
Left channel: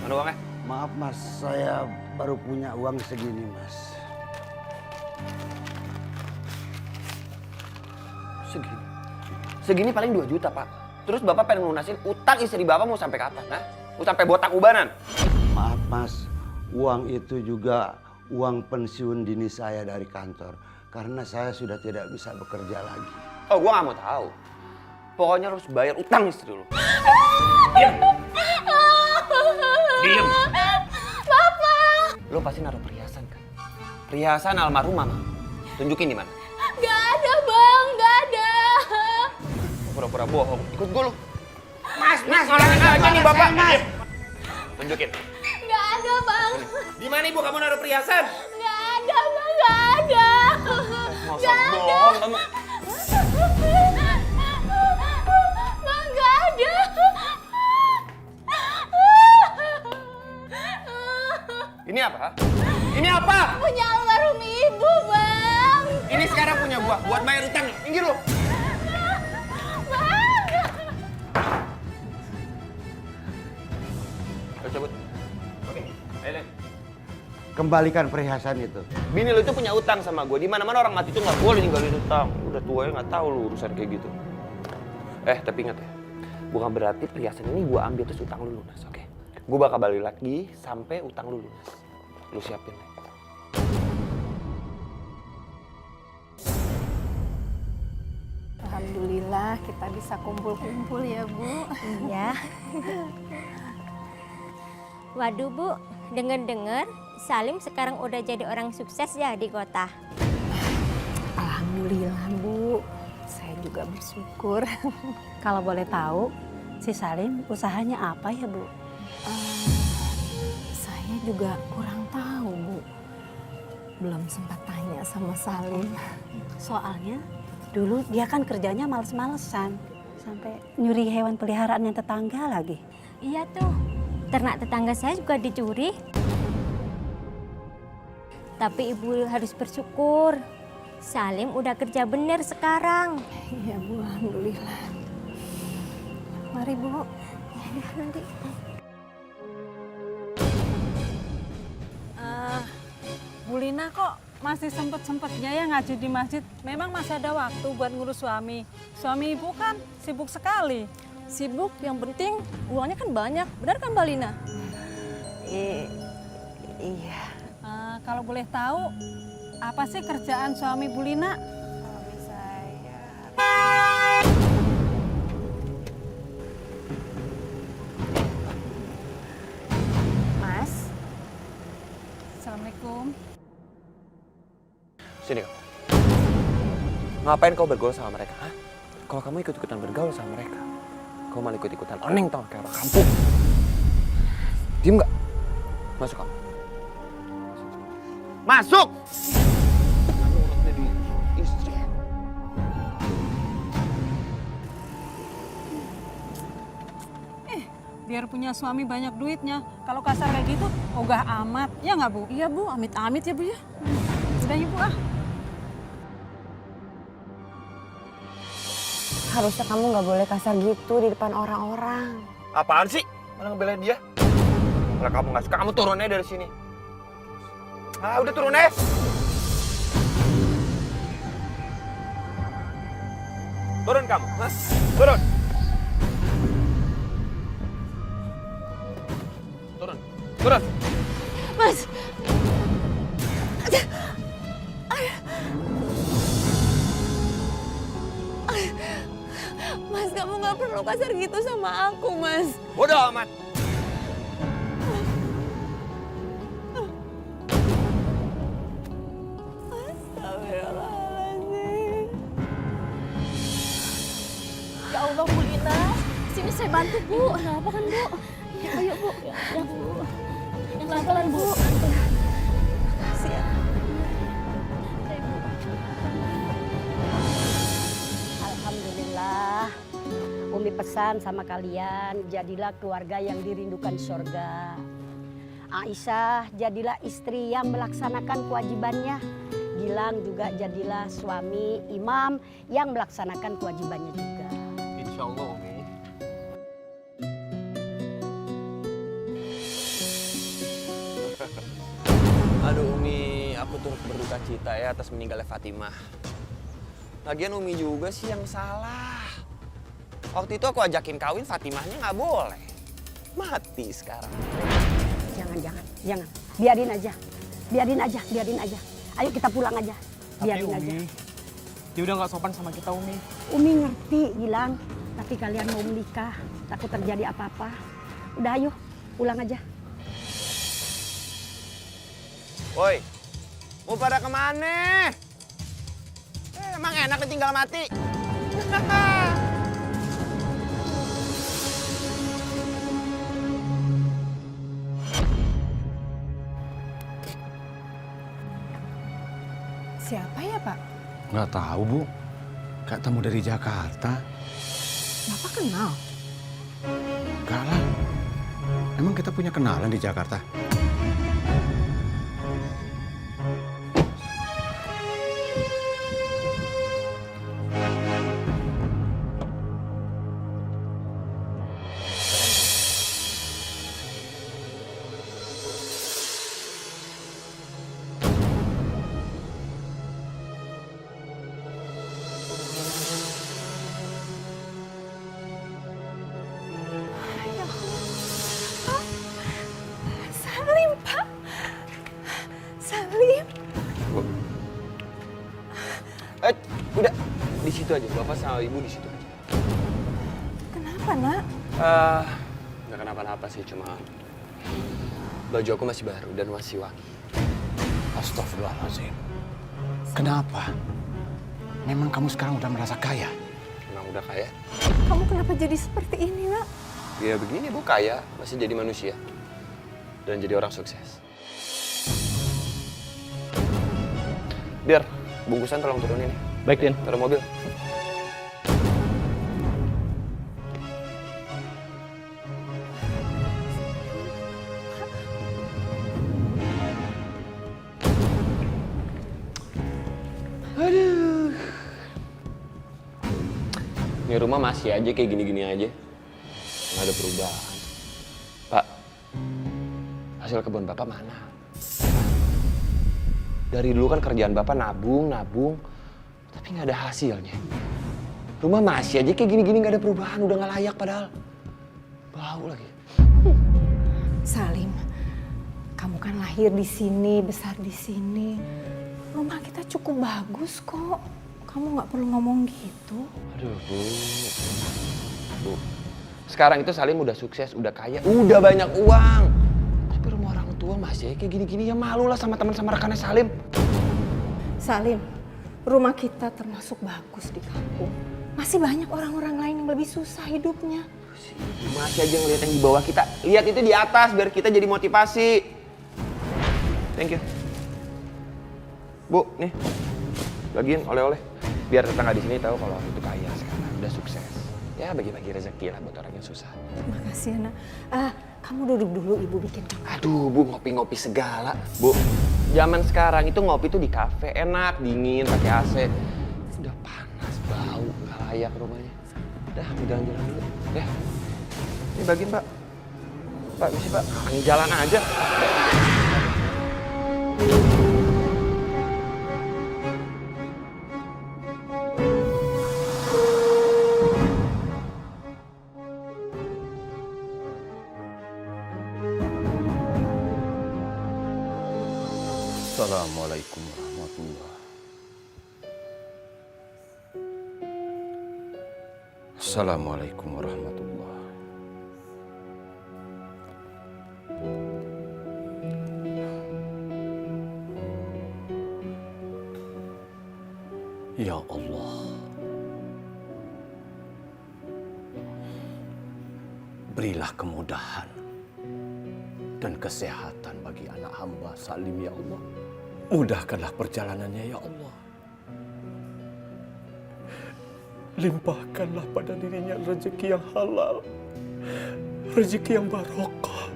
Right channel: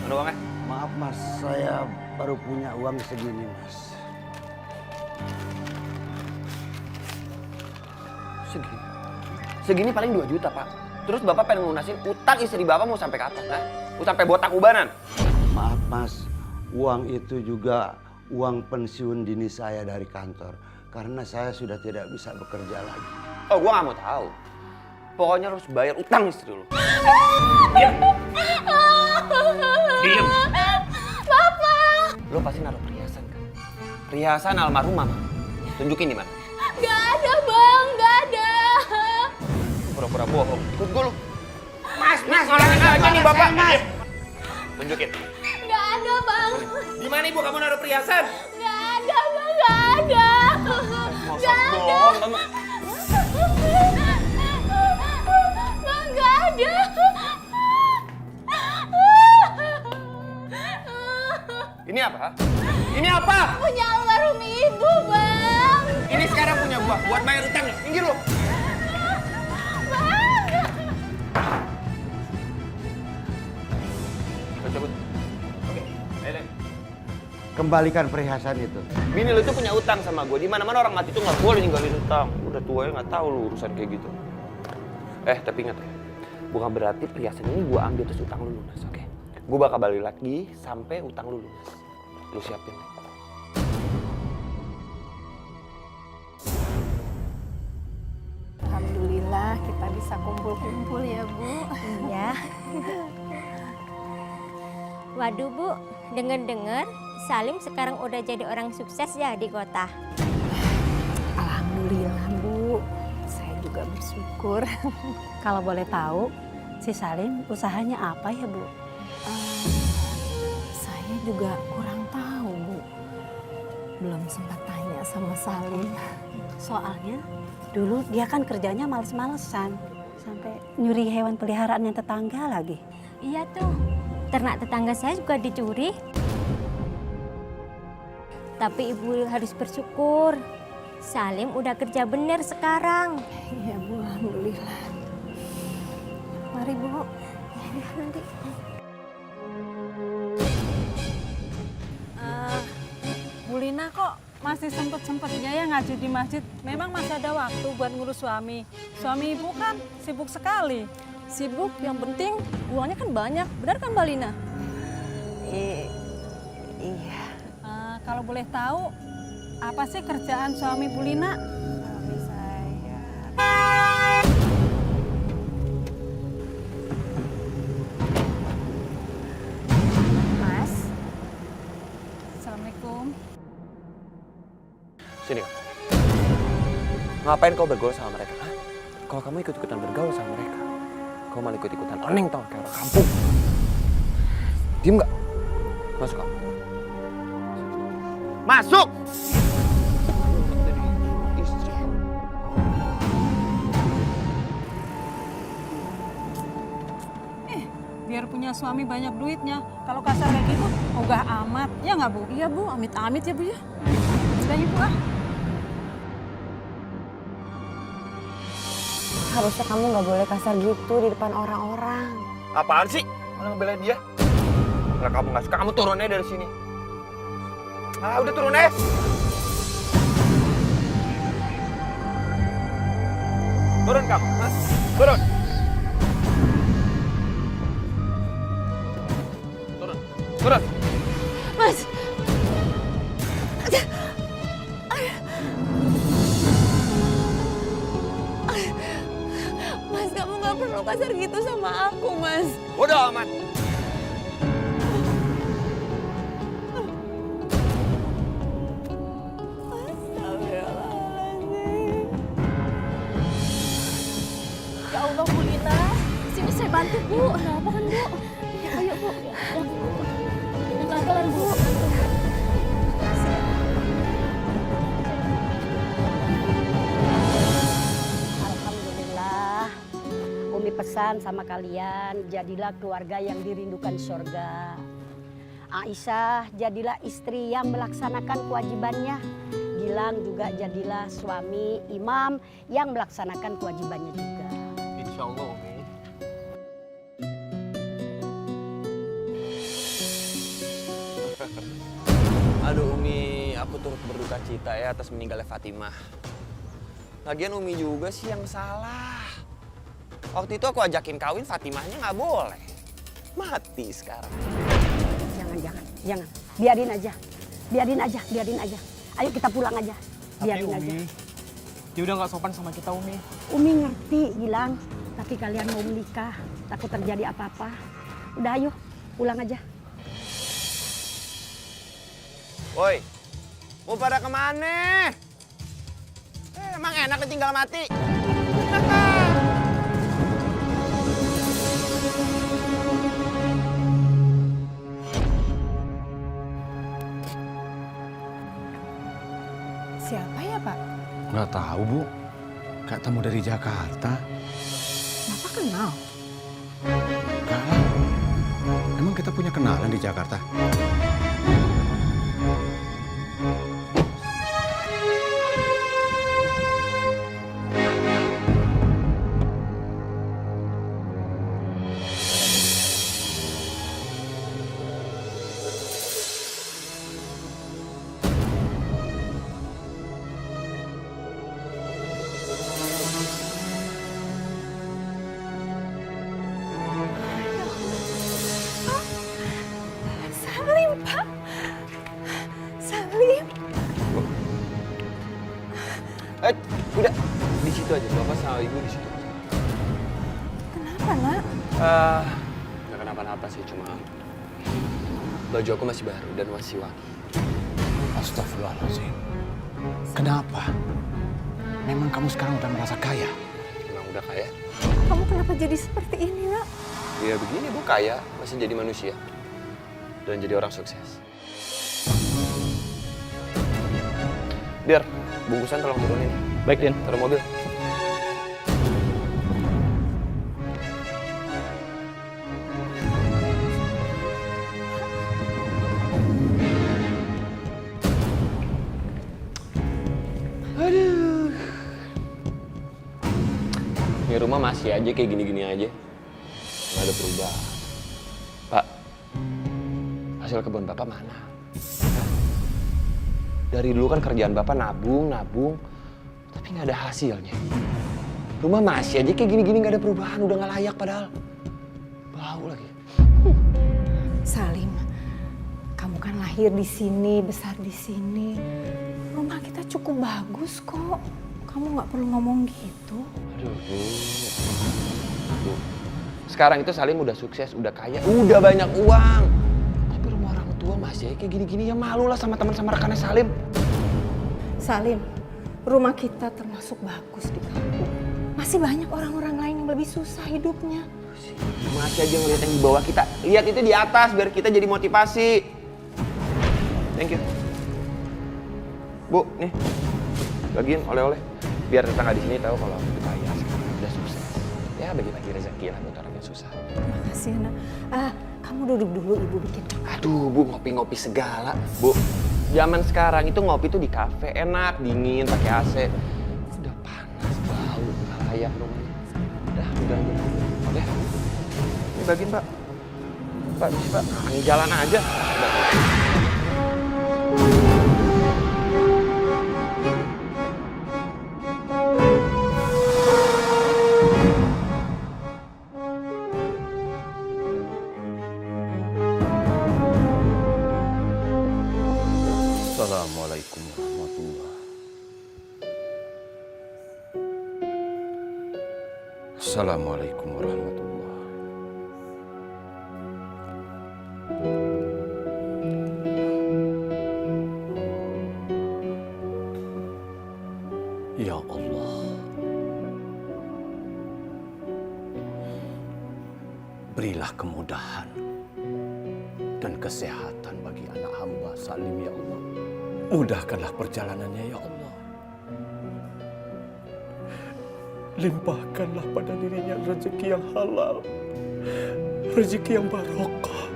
Mana uangnya? Maaf Mas, saya baru punya uang segini Mas. Segini paling 2 juta Pak. Terus Bapak pengen lunasin utang istri Bapak mau sampai kapan? Nah? Mau sampai botak ubanan? Maaf Mas, uang itu juga uang pensiun dini saya dari kantor. Karena saya sudah tidak bisa bekerja lagi. Oh, gua gak mau tahu. Pokoknya harus bayar utang istri lu. Diam. Bapak! Lu pasti naruh perhiasan kan? Perhiasan almarhum Mama. Tunjukin di mana? Gak ada Bang, gak ada. Pura-pura bohong. Ikut gua lu. Mas, Ngolongin aja nih Bapak. Tunjukin. Gak ada Bang. Di mana Ibu kamu naruh perhiasan? Gak ada Bang, gak ada. Masa bohong kamu? Bang, gak ada. Ini apa? Ini apa? Punya almarhum ibu, Bang. Ini sekarang punya gua buat bayar utangnya. Minggir lu. Bang. Ayo cabut. Oke, ayo. Kembalikan perhiasan itu. Bini lu tuh punya utang sama gue. Di mana-mana orang mati tuh nggak boleh ninggalin utang. Udah tua ya nggak tahu lu urusan kayak gitu. Tapi ingat ya, bukan berarti perhiasan ini gue ambil terus utang lu lunas, oke? Gue bakal balik lagi sampai utang lu lunas. Lu siapin. Alhamdulillah kita bisa kumpul-kumpul ya, Bu. Iya. Waduh Bu, dengar-dengar Salim sekarang udah jadi orang sukses ya di kota. Alhamdulillah Bu, saya juga bersyukur. Kalau boleh tahu, si Salim usahanya apa ya Bu? Saya juga kurang tahu Bu, belum sempat tanya sama Salim. Soalnya dulu dia kan kerjanya males-malesan, sampai nyuri hewan peliharaan yang tetangga lagi. Iya tuh, ternak tetangga saya juga dicuri. Tapi Ibu harus bersyukur, Salim udah kerja bener sekarang. Iya Bu, Alhamdulillah. Mari Bu. Nanti. Bu Lina kok masih sempet-sempetnya ya ngaji di masjid. Memang masih ada waktu buat ngurus suami. Suami Ibu kan sibuk sekali. Sibuk, yang penting uangnya kan banyak. Benar kan Mbak Lina? Iya. Kalau boleh tahu, apa sih kerjaan suami Bu Lina? Suami saya. Mas. Assalamualaikum. Sini kamu. Ngapain kau bergaul sama mereka? Hah? Kalau kamu ikut-ikutan bergaul sama mereka, kau malah ikut-ikutan oneng tau kayak orang kampung. Diem nggak? Masuk kamu. Masuk! Nurut jadi istri. Biar punya suami banyak duitnya. Kalau kasar kayak gitu, ogah amat. Ya nggak Bu? Iya Bu, amit-amit ya Bu ya. Udah ya Bu ah. Harusnya kamu nggak boleh kasar gitu di depan orang-orang. Apaan sih? Malah ngebelain dia? Kalau kamu nggak suka, kamu turun aja dari sini. Ah, udah turun aja. Turun kamu, Mas. Turun. Turun. Turun. Mas. Mas, kamu nggak perlu kasar gitu sama aku, Mas. Bodoh amat. Astagfirullahaladzim. Ya Allah, Bu Lina. Sini saya bantu, Bu. Kenapa kan, Bu? Ayo, Bu. Ya, Bu. Yang pelan-pelan, Bu. Siap. Alhamdulillah, Umi pesan sama kalian, jadilah keluarga yang dirindukan surga. Aisyah, jadilah istri yang melaksanakan kewajibannya. Gilang juga jadilah suami imam yang melaksanakan kewajibannya juga. Insya Allah, Umi. Aduh Umi, aku turut berduka cita ya atas meninggalnya Fatimah. Lagian Umi juga sih yang salah. Waktu itu aku ajakin kawin, Fatimahnya nggak boleh. Mati sekarang. Jangan. Biarin aja. Ayo kita pulang aja. Biarin aja. Dia udah nggak sopan sama kita, Umi. Umi ngerti, Gilang. Tapi kalian mau menikah, takut terjadi apa-apa. Udah ayo, pulang aja. Woi, mau pada kemana? Emang enak tinggal mati. Siapa ya, Pak? Nggak tahu, Bu. Kayak tamu dari Jakarta. Bapak kenal? Enggak lah. Emang kita punya kenalan di Jakarta? Salim, Pak. Salim. Udah di situ aja. Bapak sama Ibu di situ aja. Kenapa, Nak? Nggak kenapa-napa sih, cuma baju aku masih baru dan masih wangi. Astagfirullahaladzim. Kenapa? Memang kamu sekarang udah merasa kaya? Emang udah kaya? Kamu kenapa jadi seperti ini, Nak? Ya begini Bu, kaya, masih jadi manusia. Dan jadi orang sukses. Biar, bungkusan tolong turunin. Baik, Din. Taruh mobil. Aduh. Ini rumah masih aja kayak gini-gini aja. Nggak ada perubahan. Pak, hasil kebun Bapak mana? Hah? Dari dulu kan kerjaan Bapak nabung, tapi nggak ada hasilnya. Rumah masih aja kayak gini-gini nggak ada perubahan, udah nggak layak padahal. Bau lagi. Salim, kamu kan lahir di sini, besar di sini. Rumah kita cukup bagus kok. Kamu nggak perlu ngomong gitu. Aduh, Bu. Sekarang itu Salim udah sukses, udah kaya, udah banyak uang. Tapi rumah orang tua masih kayak gini-gini, ya malu lah sama teman sama rekannya Salim. Salim, rumah kita termasuk bagus di kampung. Masih banyak orang-orang lain yang lebih susah hidupnya. Masih aja ngeliat yang di bawah kita. Lihat itu di atas biar kita jadi motivasi. Thank you. Bu, nih. Bagiin oleh-oleh. Biar tetangga di sini tahu kalau aku itu kaya sekarang, udah sukses. Ya bagi-bagi rezeki lah buat orang yang susah. Makasih ya, Nak. Kamu duduk dulu, Ibu bikin. Aduh, Bu, ngopi-ngopi segala. Bu, zaman sekarang itu ngopi tuh di kafe, enak, dingin, pakai AC. Udah panas, bau, nggak layak rumahnya. Udah, jalan-jalan dulu. Ya. Ini bagiin, Pak. Pak, misi Pak. Ini jalan aja. Udah. Assalamualaikum warahmatullahi. Assalamualaikum warahmatullahi. Ya Allah, berilah kemudahan dan kesehatan bagi anak hamba Salim ya Allah. Mudahkanlah perjalanannya ya Allah. Limpahkanlah pada dirinya rezeki yang halal, rezeki yang barokah.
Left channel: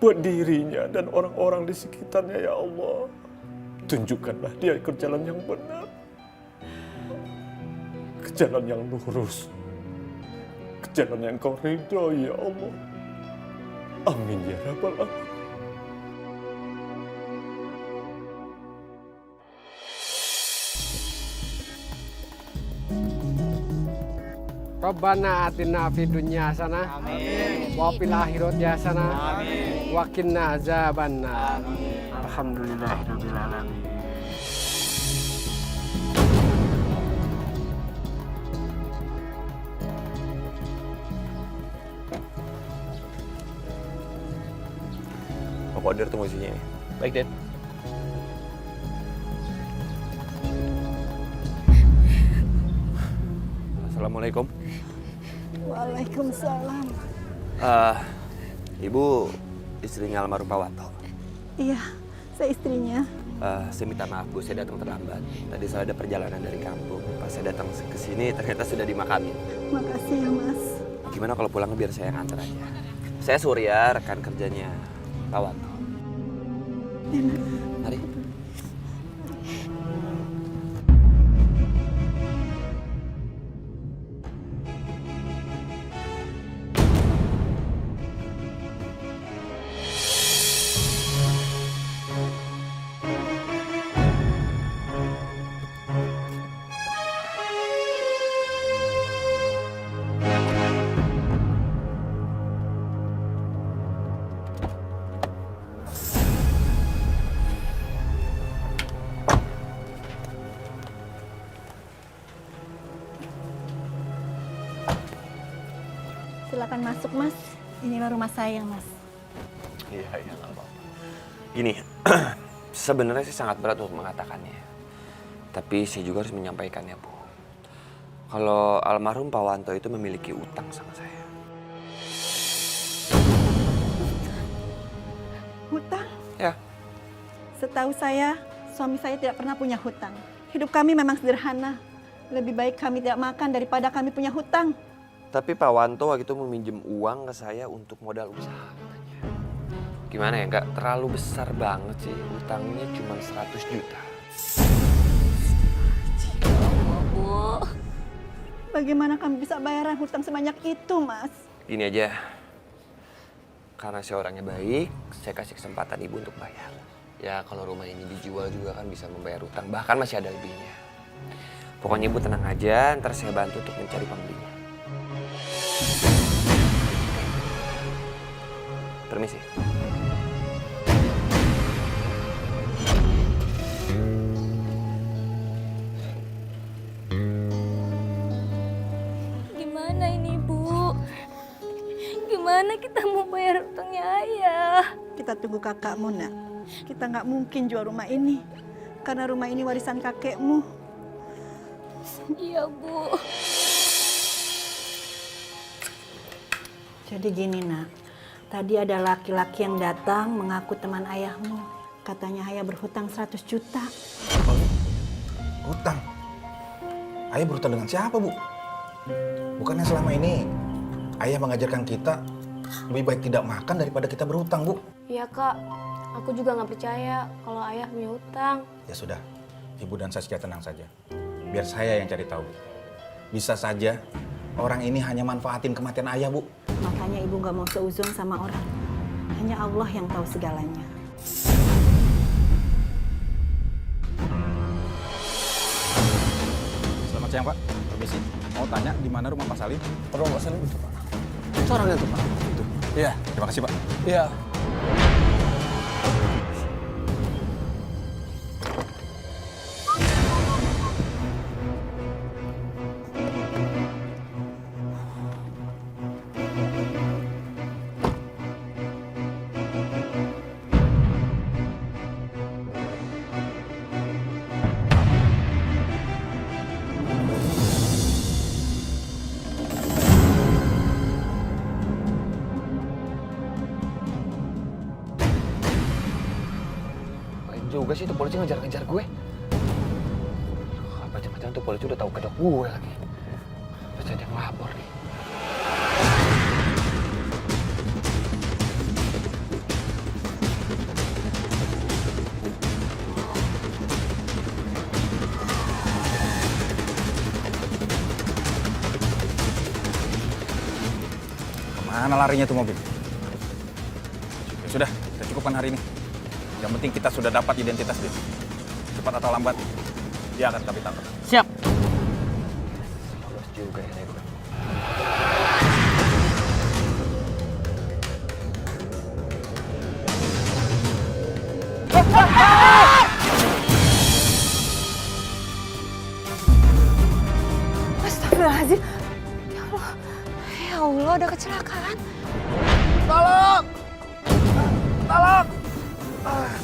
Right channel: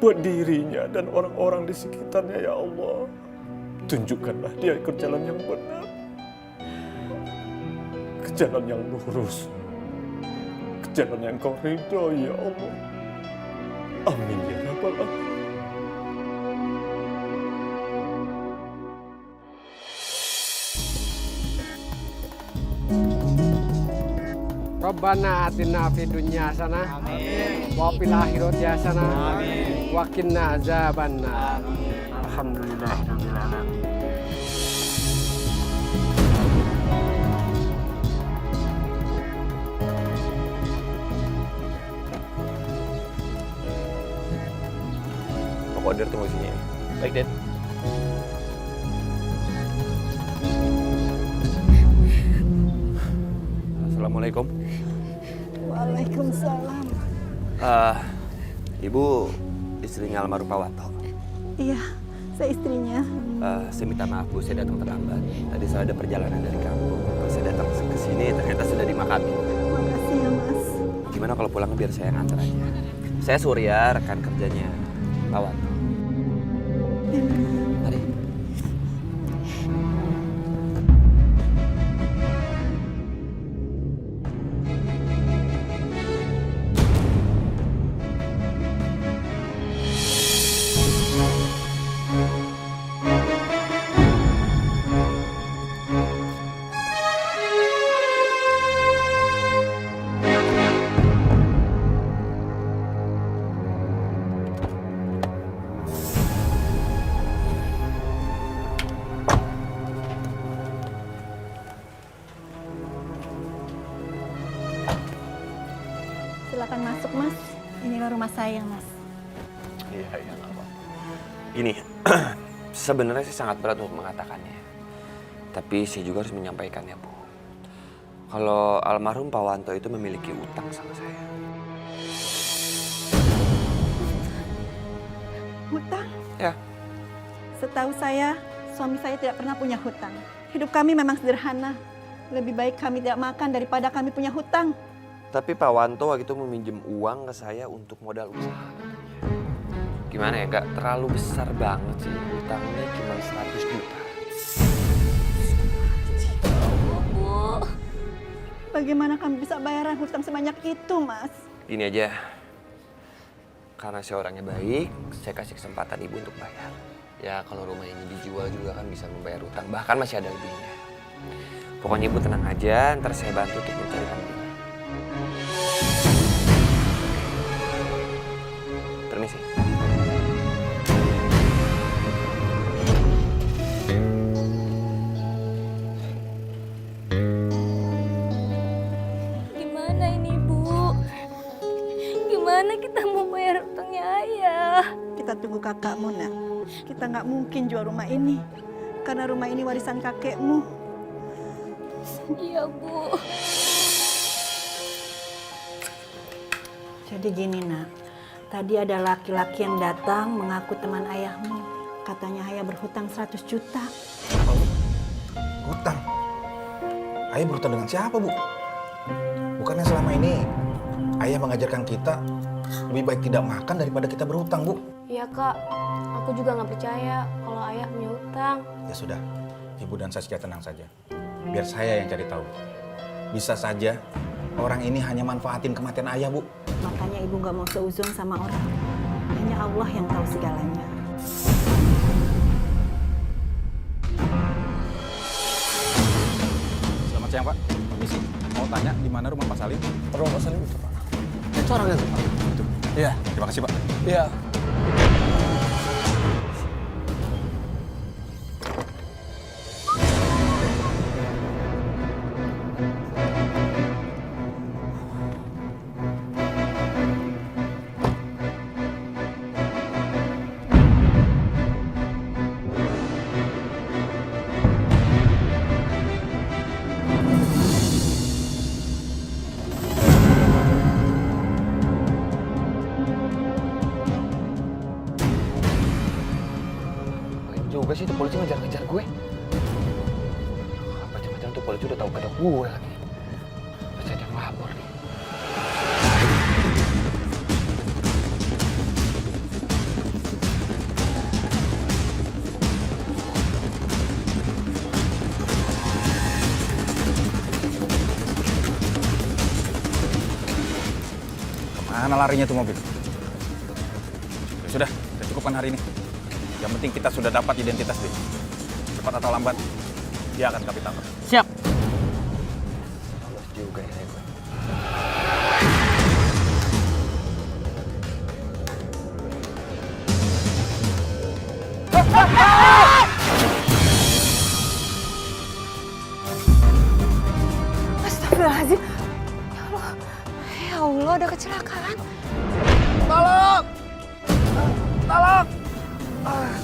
Buat dirinya dan orang-orang di sekitarnya ya Allah. Tunjukkanlah dia ke jalan yang benar, ke jalan yang lurus, ke jalan yang Kau ridho ya Allah. Amin ya Rabbal Alamin. Rabbana atina fid dunya hasanah wa fil akhirati hasanah wa qina azabannar. Alhamdulillahirabbil alamin. Pak Kodir tunggu sini ya. Baik, Den. Assalamualaikum. Waalaikumsalam. Ibu istrinya almarhum Pak Wanto. Iya, saya istrinya. Saya minta maaf Bu, saya datang terlambat. Tadi saya ada perjalanan dari kampung. Pas saya datang ke sini ternyata sudah dimakami. Makasih ya, Mas. Gimana kalau pulang biar saya yang antar aja. Saya Surya, rekan kerjanya Pak Wanto. Mari. Silakan masuk, Mas. Inilah rumah saya, Mas. Iya, nggak apa-apa. Gini, sebenarnya sih sangat berat untuk mengatakannya. Tapi saya juga harus menyampaikannya, Bu. Kalau almarhum Pak Wanto itu memiliki utang sama saya. Hutang? Ya. Setahu saya, suami saya tidak pernah punya hutang. Hidup kami memang sederhana. Lebih baik kami tidak makan daripada kami punya hutang. Tapi Pak Wanto waktu itu meminjam uang ke saya untuk modal usaha katanya. Gimana ya, nggak terlalu besar banget sih. Utangnya cuma 100 juta. Bu. Bagaimana kami bisa bayaran hutang sebanyak itu, Mas? Gini aja, karena saya orangnya baik, saya kasih kesempatan Ibu untuk bayar. Ya kalau rumah ini dijual juga kan bisa membayar utang, bahkan masih ada lebihnya. Pokoknya Ibu tenang aja, ntar saya bantu untuk mencari pembelinya. Permisi. gimana kita mau bayar utangnya ayah? Kita tunggu kakakmu, nak. Kita nggak mungkin jual rumah ini. Karena rumah ini warisan kakekmu. Iya, Bu. Jadi gini, nak. Tadi ada laki-laki yang datang mengaku teman ayahmu. Katanya ayah berhutang 100 juta. Apa, Bu? Hutang? Ayah berhutang dengan siapa, Bu? Bukannya selama ini ayah mengajarkan kita lebih baik tidak makan daripada kita berhutang, Bu? Iya, Kak. Aku juga nggak percaya kalau ayah punya hutang. Ya sudah, Ibu dan Saskia tenang saja. Biar saya yang cari tahu. Bisa saja orang ini hanya manfaatin kematian ayah, Bu. Makanya ibu nggak mau seuzon sama orang. Hanya Allah yang tahu segalanya. Selamat siang, Pak. Permisi. Mau tanya di mana rumah Pak Salim? Rumah Pak Salim itu, Pak. Itu orangnya tuh, Pak. Itu. Iya. Terima kasih, Pak. Iya. Juga sih tuh polisi ngejar-ngejar gue. Apa jangan-jangan tuh polisi udah tahu kedok gue lagi. Pasti ada yang lapor nih. Kemana larinya tuh mobil? Ya sudah, kita cukupkan hari ini. Yang penting kita sudah dapat identitas dia. Cepat atau lambat, dia akan kami tangkap. Siap. Lolos juga ya gue. Astagfirullahaladzim. Ya Allah, ada kecelakaan. Tolong! Tolong! Tolong!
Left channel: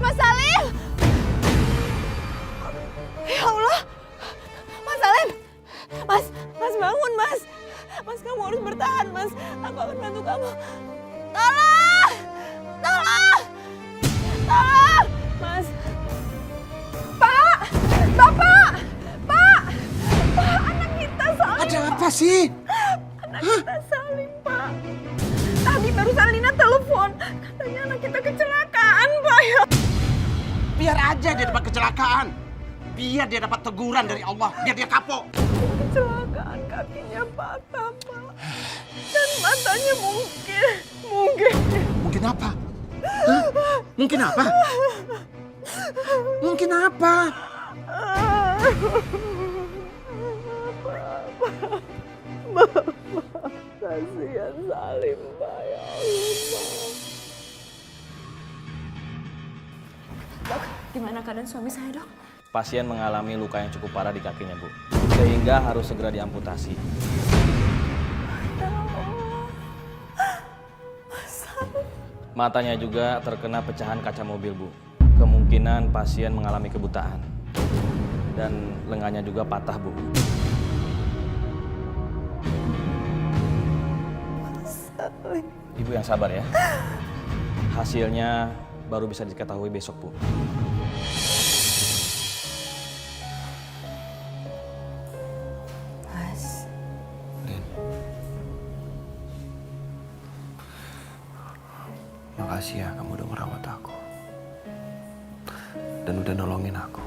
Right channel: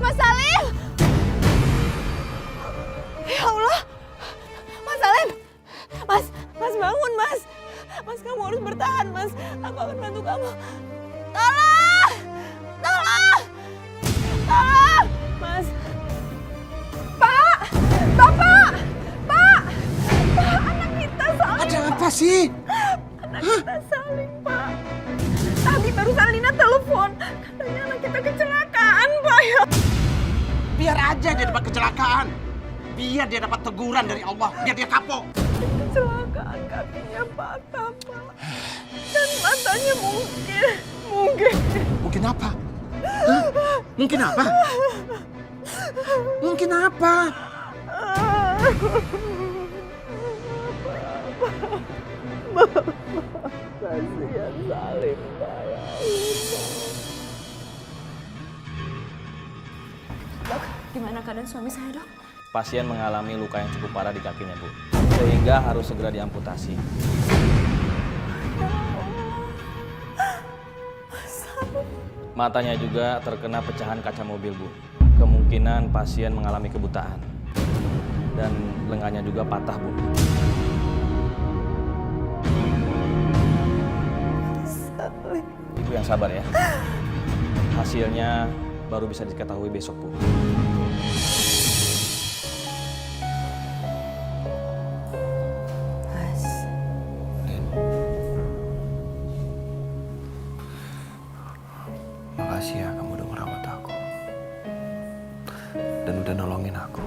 Mas Salim! Ya Allah! Mas Salim! Mas bangun, Mas! Mas, kamu harus bertahan, Mas. Aku akan bantu kamu. Tolong! Tolong! Tolong! Mas! Pak! Bapak! Pak! Pak, anak kita Salim. Ada apa sih? Anak kita Salim, Pak. Tadi barusan Lina telepon. Katanya anak kita kecelakaan, Pak. Biar aja dia dapat kecelakaan. Biar dia dapat teguran dari Allah. Biar dia kapok. Kecelakaan, kakinya patah, Pak. Dan matanya mungkin. Mungkin apa? Hah? Mungkin apa? Mungkin apa? Bapak, kasihan Salim, Pak. Ya Allah. Dok, gimana keadaan suami saya, Dok? Pasien mengalami luka yang cukup parah di kakinya, Bu. Sehingga harus segera diamputasi. Matanya juga terkena pecahan kaca mobil, Bu. Kemungkinan pasien mengalami kebutaan. Dan lengannya juga patah, Bu. Ibu yang sabar ya. Hasilnya baru bisa diketahui besok, Bu. Mas. Makasih ya kamu udah merawat aku. Dan udah nolongin aku.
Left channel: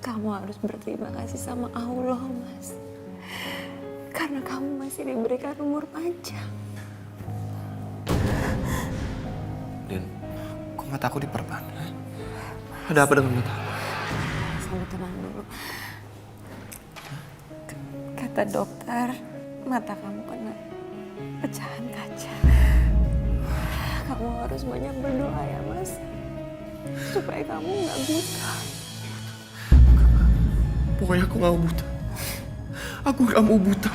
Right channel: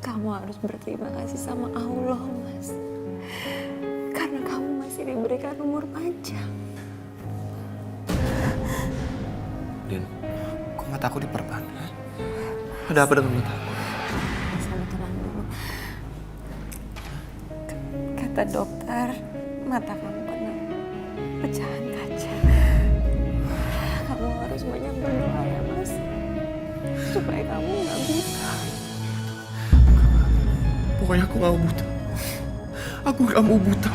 Kamu harus berterima kasih sama Allah, Mas. Karena kamu masih diberikan umur panjang. Din, kok mata aku diperban? Ada apa dengan mata aku? Kamu tenang dulu. Kata dokter, mata kamu kena pecahan kaca. Kamu harus banyak berdoa ya, Mas. supaya kamu nggak buta. Pokoknya aku gak mau buta. Aku gak mau buta.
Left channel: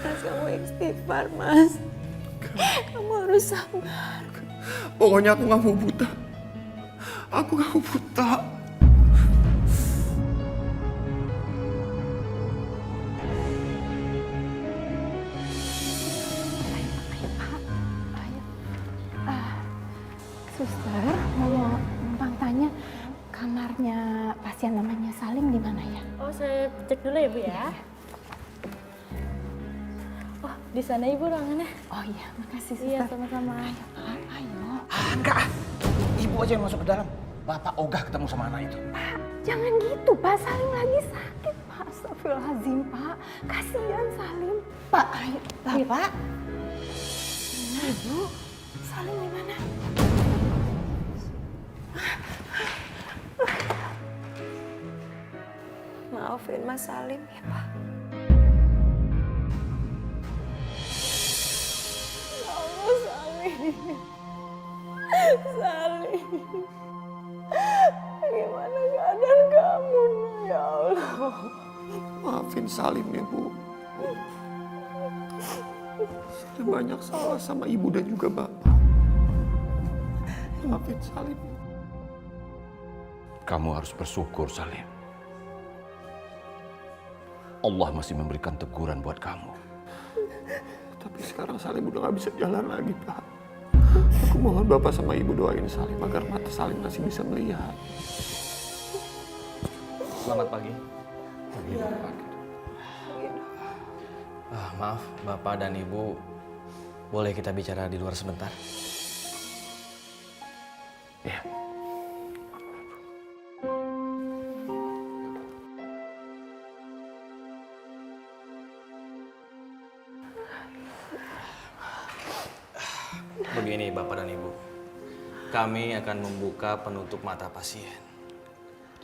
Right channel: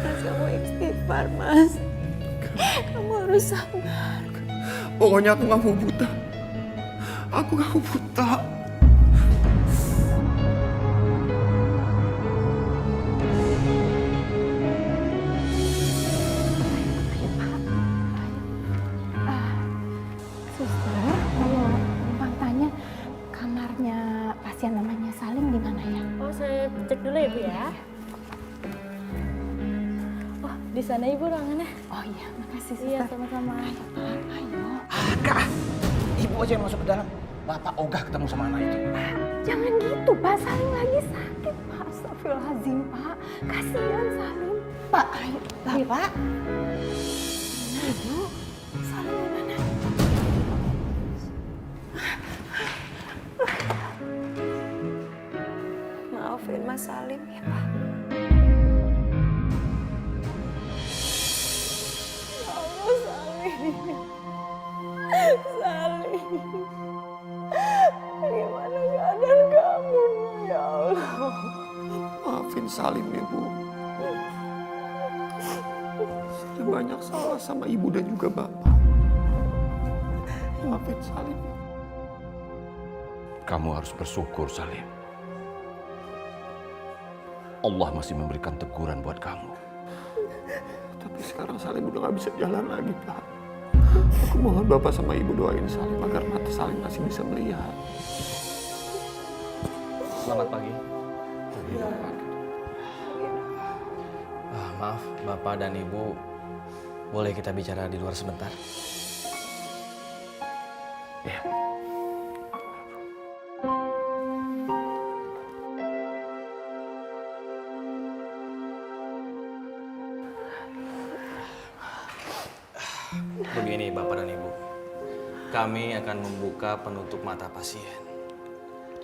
Mas, kamu istighfar, Mas. Kamu harus sabar. Pokoknya aku gak mau buta. Aku gak mau buta. Suster, mau numpang tanya kamarnya pasien namanya Salim di mana ya? Oh, saya cek dulu ya, Bu ya. Oh, di sana Ibu ruangannya. Oh iya, makasih suster. Iya, sama-sama. Ayo. Enggak. Ibu aja yang masuk ke dalam. Bapak ogah ketemu sama anak itu. Pak, jangan gitu Pak. Salim lagi sakit Pak. Astagfirullahaladzim Pak. Kasihan Salim. Pak, ayo. Lah, Pak. Mana Ibu? Salim di mana? Maafin Mas Salim ya, Pak. Ya Allah, Salim. Salim. Gimana keadaan kamu, ya Allah? Maafin Salim ya, Bu. Saya banyak salah sama Ibu dan juga Bapak. Maafin Salim. Kamu harus bersyukur, Salim. Allah masih memberikan teguran buat kamu. Tapi sekarang Salim udah gak bisa jalan lagi, Pak. Aku mohon Bapak sama Ibu doain Salim agar mata Salim masih bisa melihat. Selamat pagi. Ya. Maaf, Bapak dan Ibu, boleh kita bicara di luar sebentar? Ya. Begini Bapak dan Ibu, kami akan membuka penutup mata pasien.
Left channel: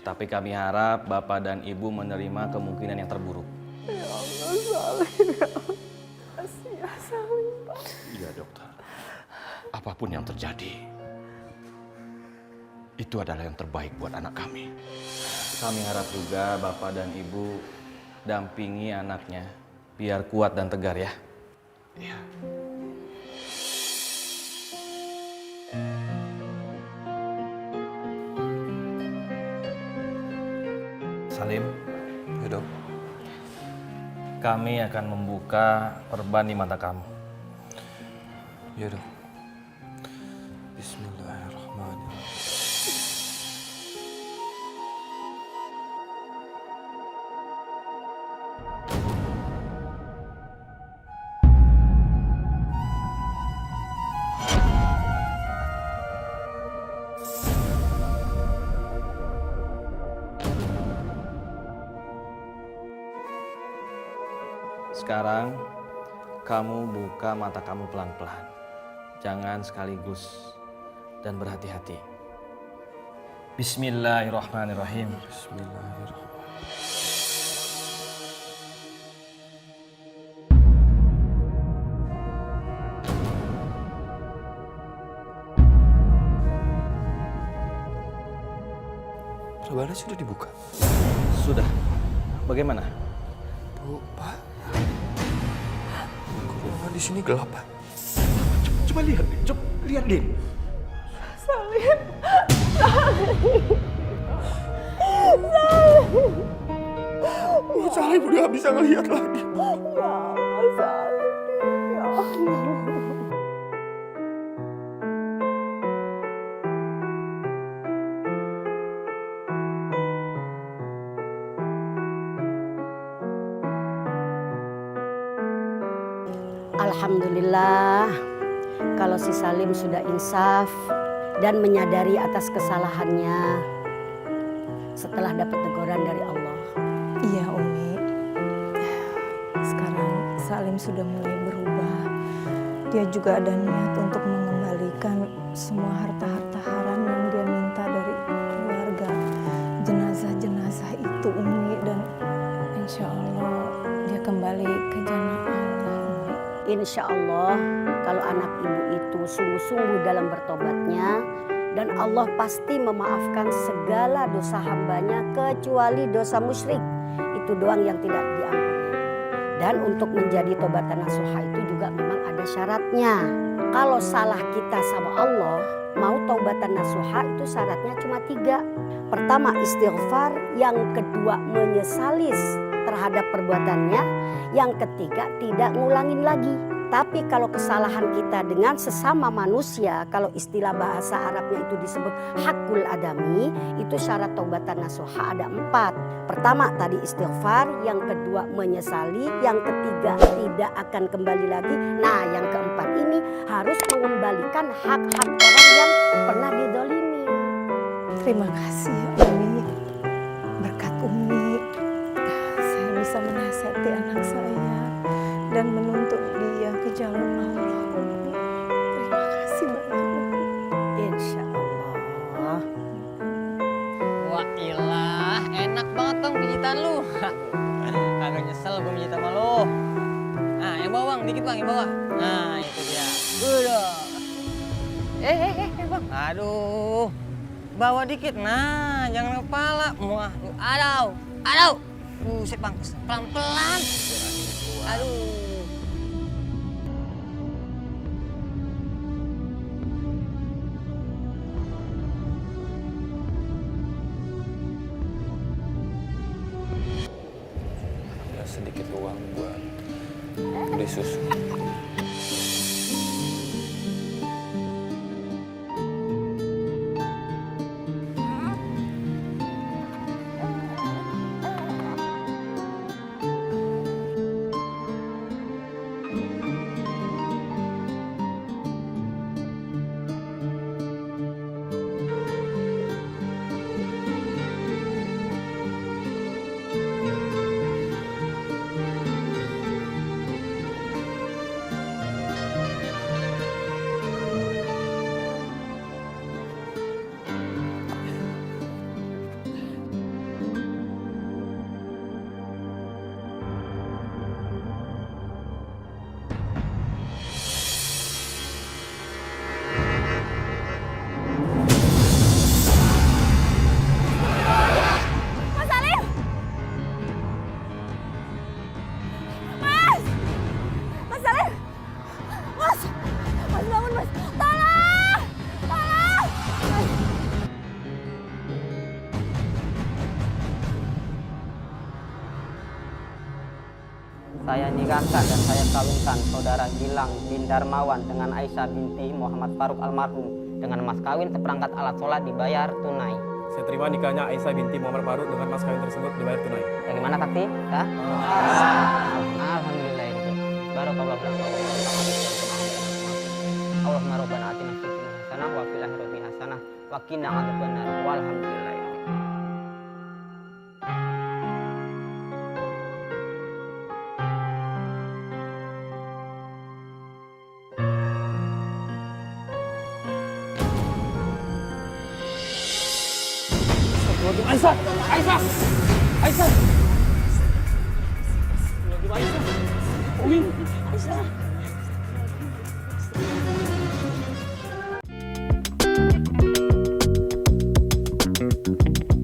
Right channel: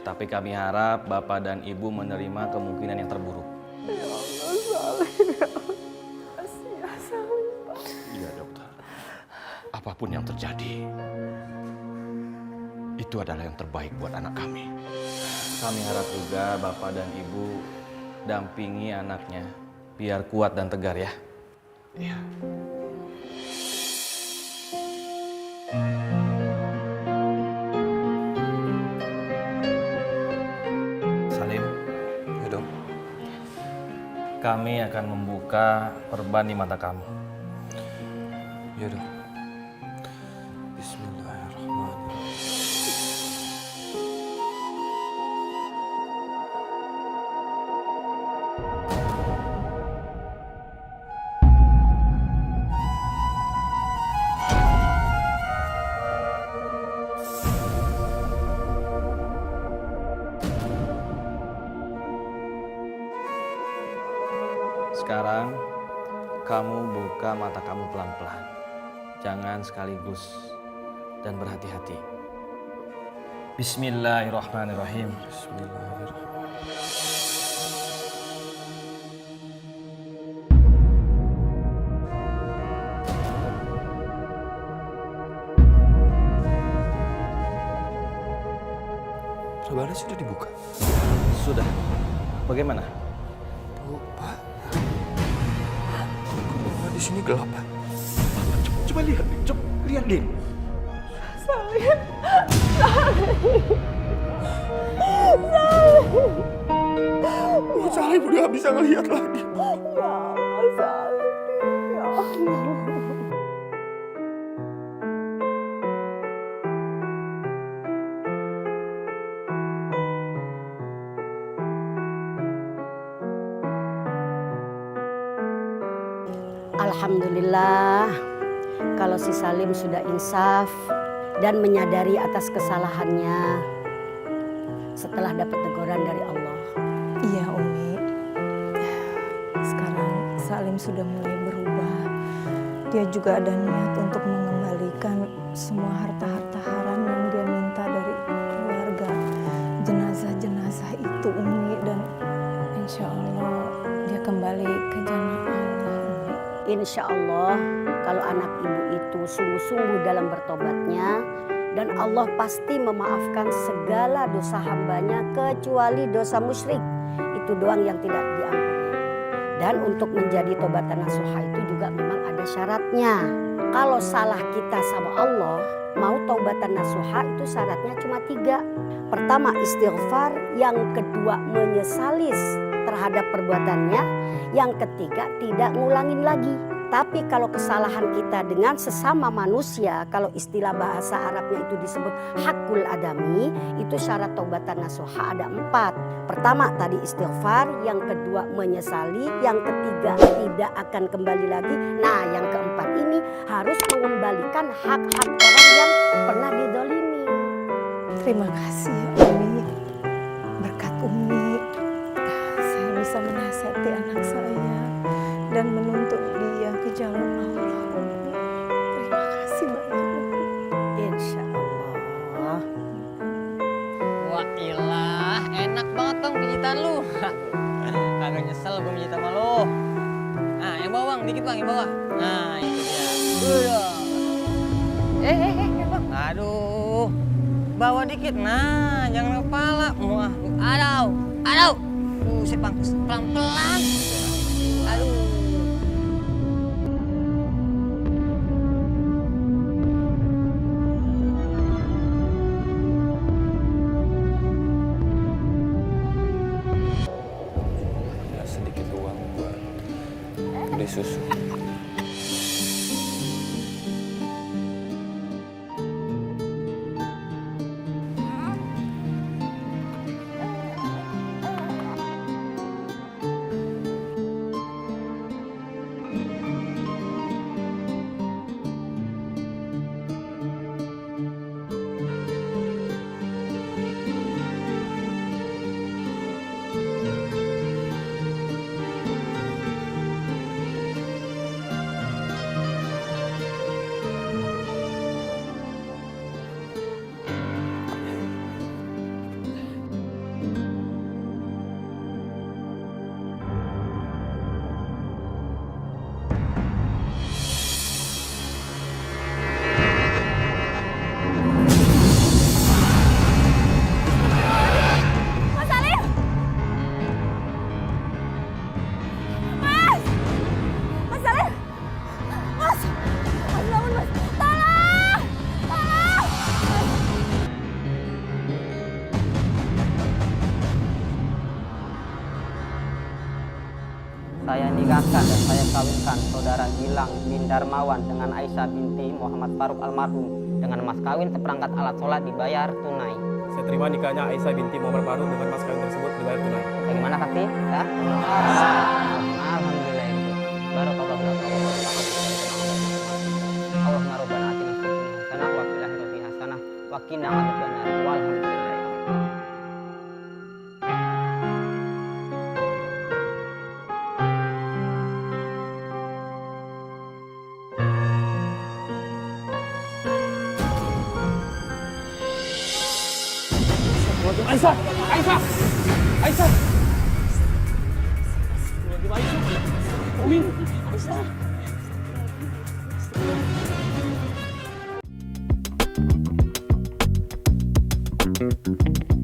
Tapi kami harap Bapak dan Ibu menerima kemungkinan yang terburuk. Ya Allah, Salim. Ya Allah. Kasih ya, Salim, Pak. Iya, dokter. Apapun yang terjadi, itu adalah yang terbaik buat anak kami. Kami harap juga Bapak dan Ibu dampingi anaknya biar kuat dan tegar ya. Iya. Salim. Ya, Dok. Kami akan membuka perban di mata kamu. Ya, Dok. Bismillahirrahmanirrahim. Sekarang kamu buka mata kamu pelan-pelan. Jangan sekaligus dan berhati-hati. Bismillahirrahmanirrahim. Bismillahirrahmanirrahim. Perbannya sudah dibuka? Sudah. Bagaimana? Bu, Pak. Kok di sini gelap, Pak? Coba lihat, coba lihat, Din. Salim. Salim. Salim. Oh, Salim udah gak bisa ngelihat lagi. Ya Allah, Salim. Ya Allah. Alhamdulillah, kalau si Salim sudah insaf dan menyadari atas kesalahannya setelah dapat teguran dari Allah. Iya Umi, sekarang Salim sudah mulai berubah. Dia juga ada niat untuk mengembalikan semua harta-harta haram yang dia minta dari keluarga. Jenazah-jenazah itu Umi, dan insya Allah dia kembali ke jannah Allah. Insya Allah kalau anak ibu itu sungguh-sungguh dalam bertobatnya, Dan Allah pasti memaafkan segala dosa hambanya kecuali dosa musyrik. Itu doang yang tidak diampuni. Dan untuk menjadi taubatan nasuha itu juga memang ada syaratnya. Kalau salah kita sama Allah, mau taubatan nasuha itu syaratnya cuma 3. Pertama istighfar, yang kedua menyesali terhadap perbuatannya, yang ketiga tidak ngulangin lagi. Tapi kalau kesalahan kita dengan sesama manusia, kalau istilah bahasa Arabnya itu disebut hakul adami, itu syarat taubatan nasuha ada 4. Pertama tadi istighfar, yang kedua menyesali, yang ketiga tidak akan kembali lagi. Nah yang keempat ini harus mengembalikan hak-hak orang yang pernah didolimi. Terima kasih ya Umi. Berkat Umi, saya bisa menasihati anak saya dan menuntut dia ke jalan Allah. Umi. Terima kasih banyak Umi. Insya Allah. Wah ilah, enak banget dong pijitan lu. Kagak nyesel gue pijit sama lu. Nah yang bawah bang, dikit bang, yang bawah. Nah itu dia. Udah. Bang. Aduh. Bawa dikit, nah jangan kepala. Wah, aduh. Buset bang, pelan-pelan. Aduh. Ada sedikit uang buat beli susu. Saya nikahkan dan saya kawinkan saudara Gilang bin Darmawan dengan Aisyah binti Muhammad Faruk almarhum dengan mas kawin seperangkat alat sholat dibayar tunai. Saya terima nikahnya Aisyah binti Muhammad Faruk dengan mas kawin tersebut dibayar tunai. Bagaimana saksi? Ya? Alhamdulillah. Barakallahu laka wa Allahumma rabbana atina fid dunya hasanah wa fil akhirati hasanah wa qina adzabannar. Walhamdulillah. Aisyah! Aisyah! Aisyah! Aisyah! Umi! Aisyah! Thank you.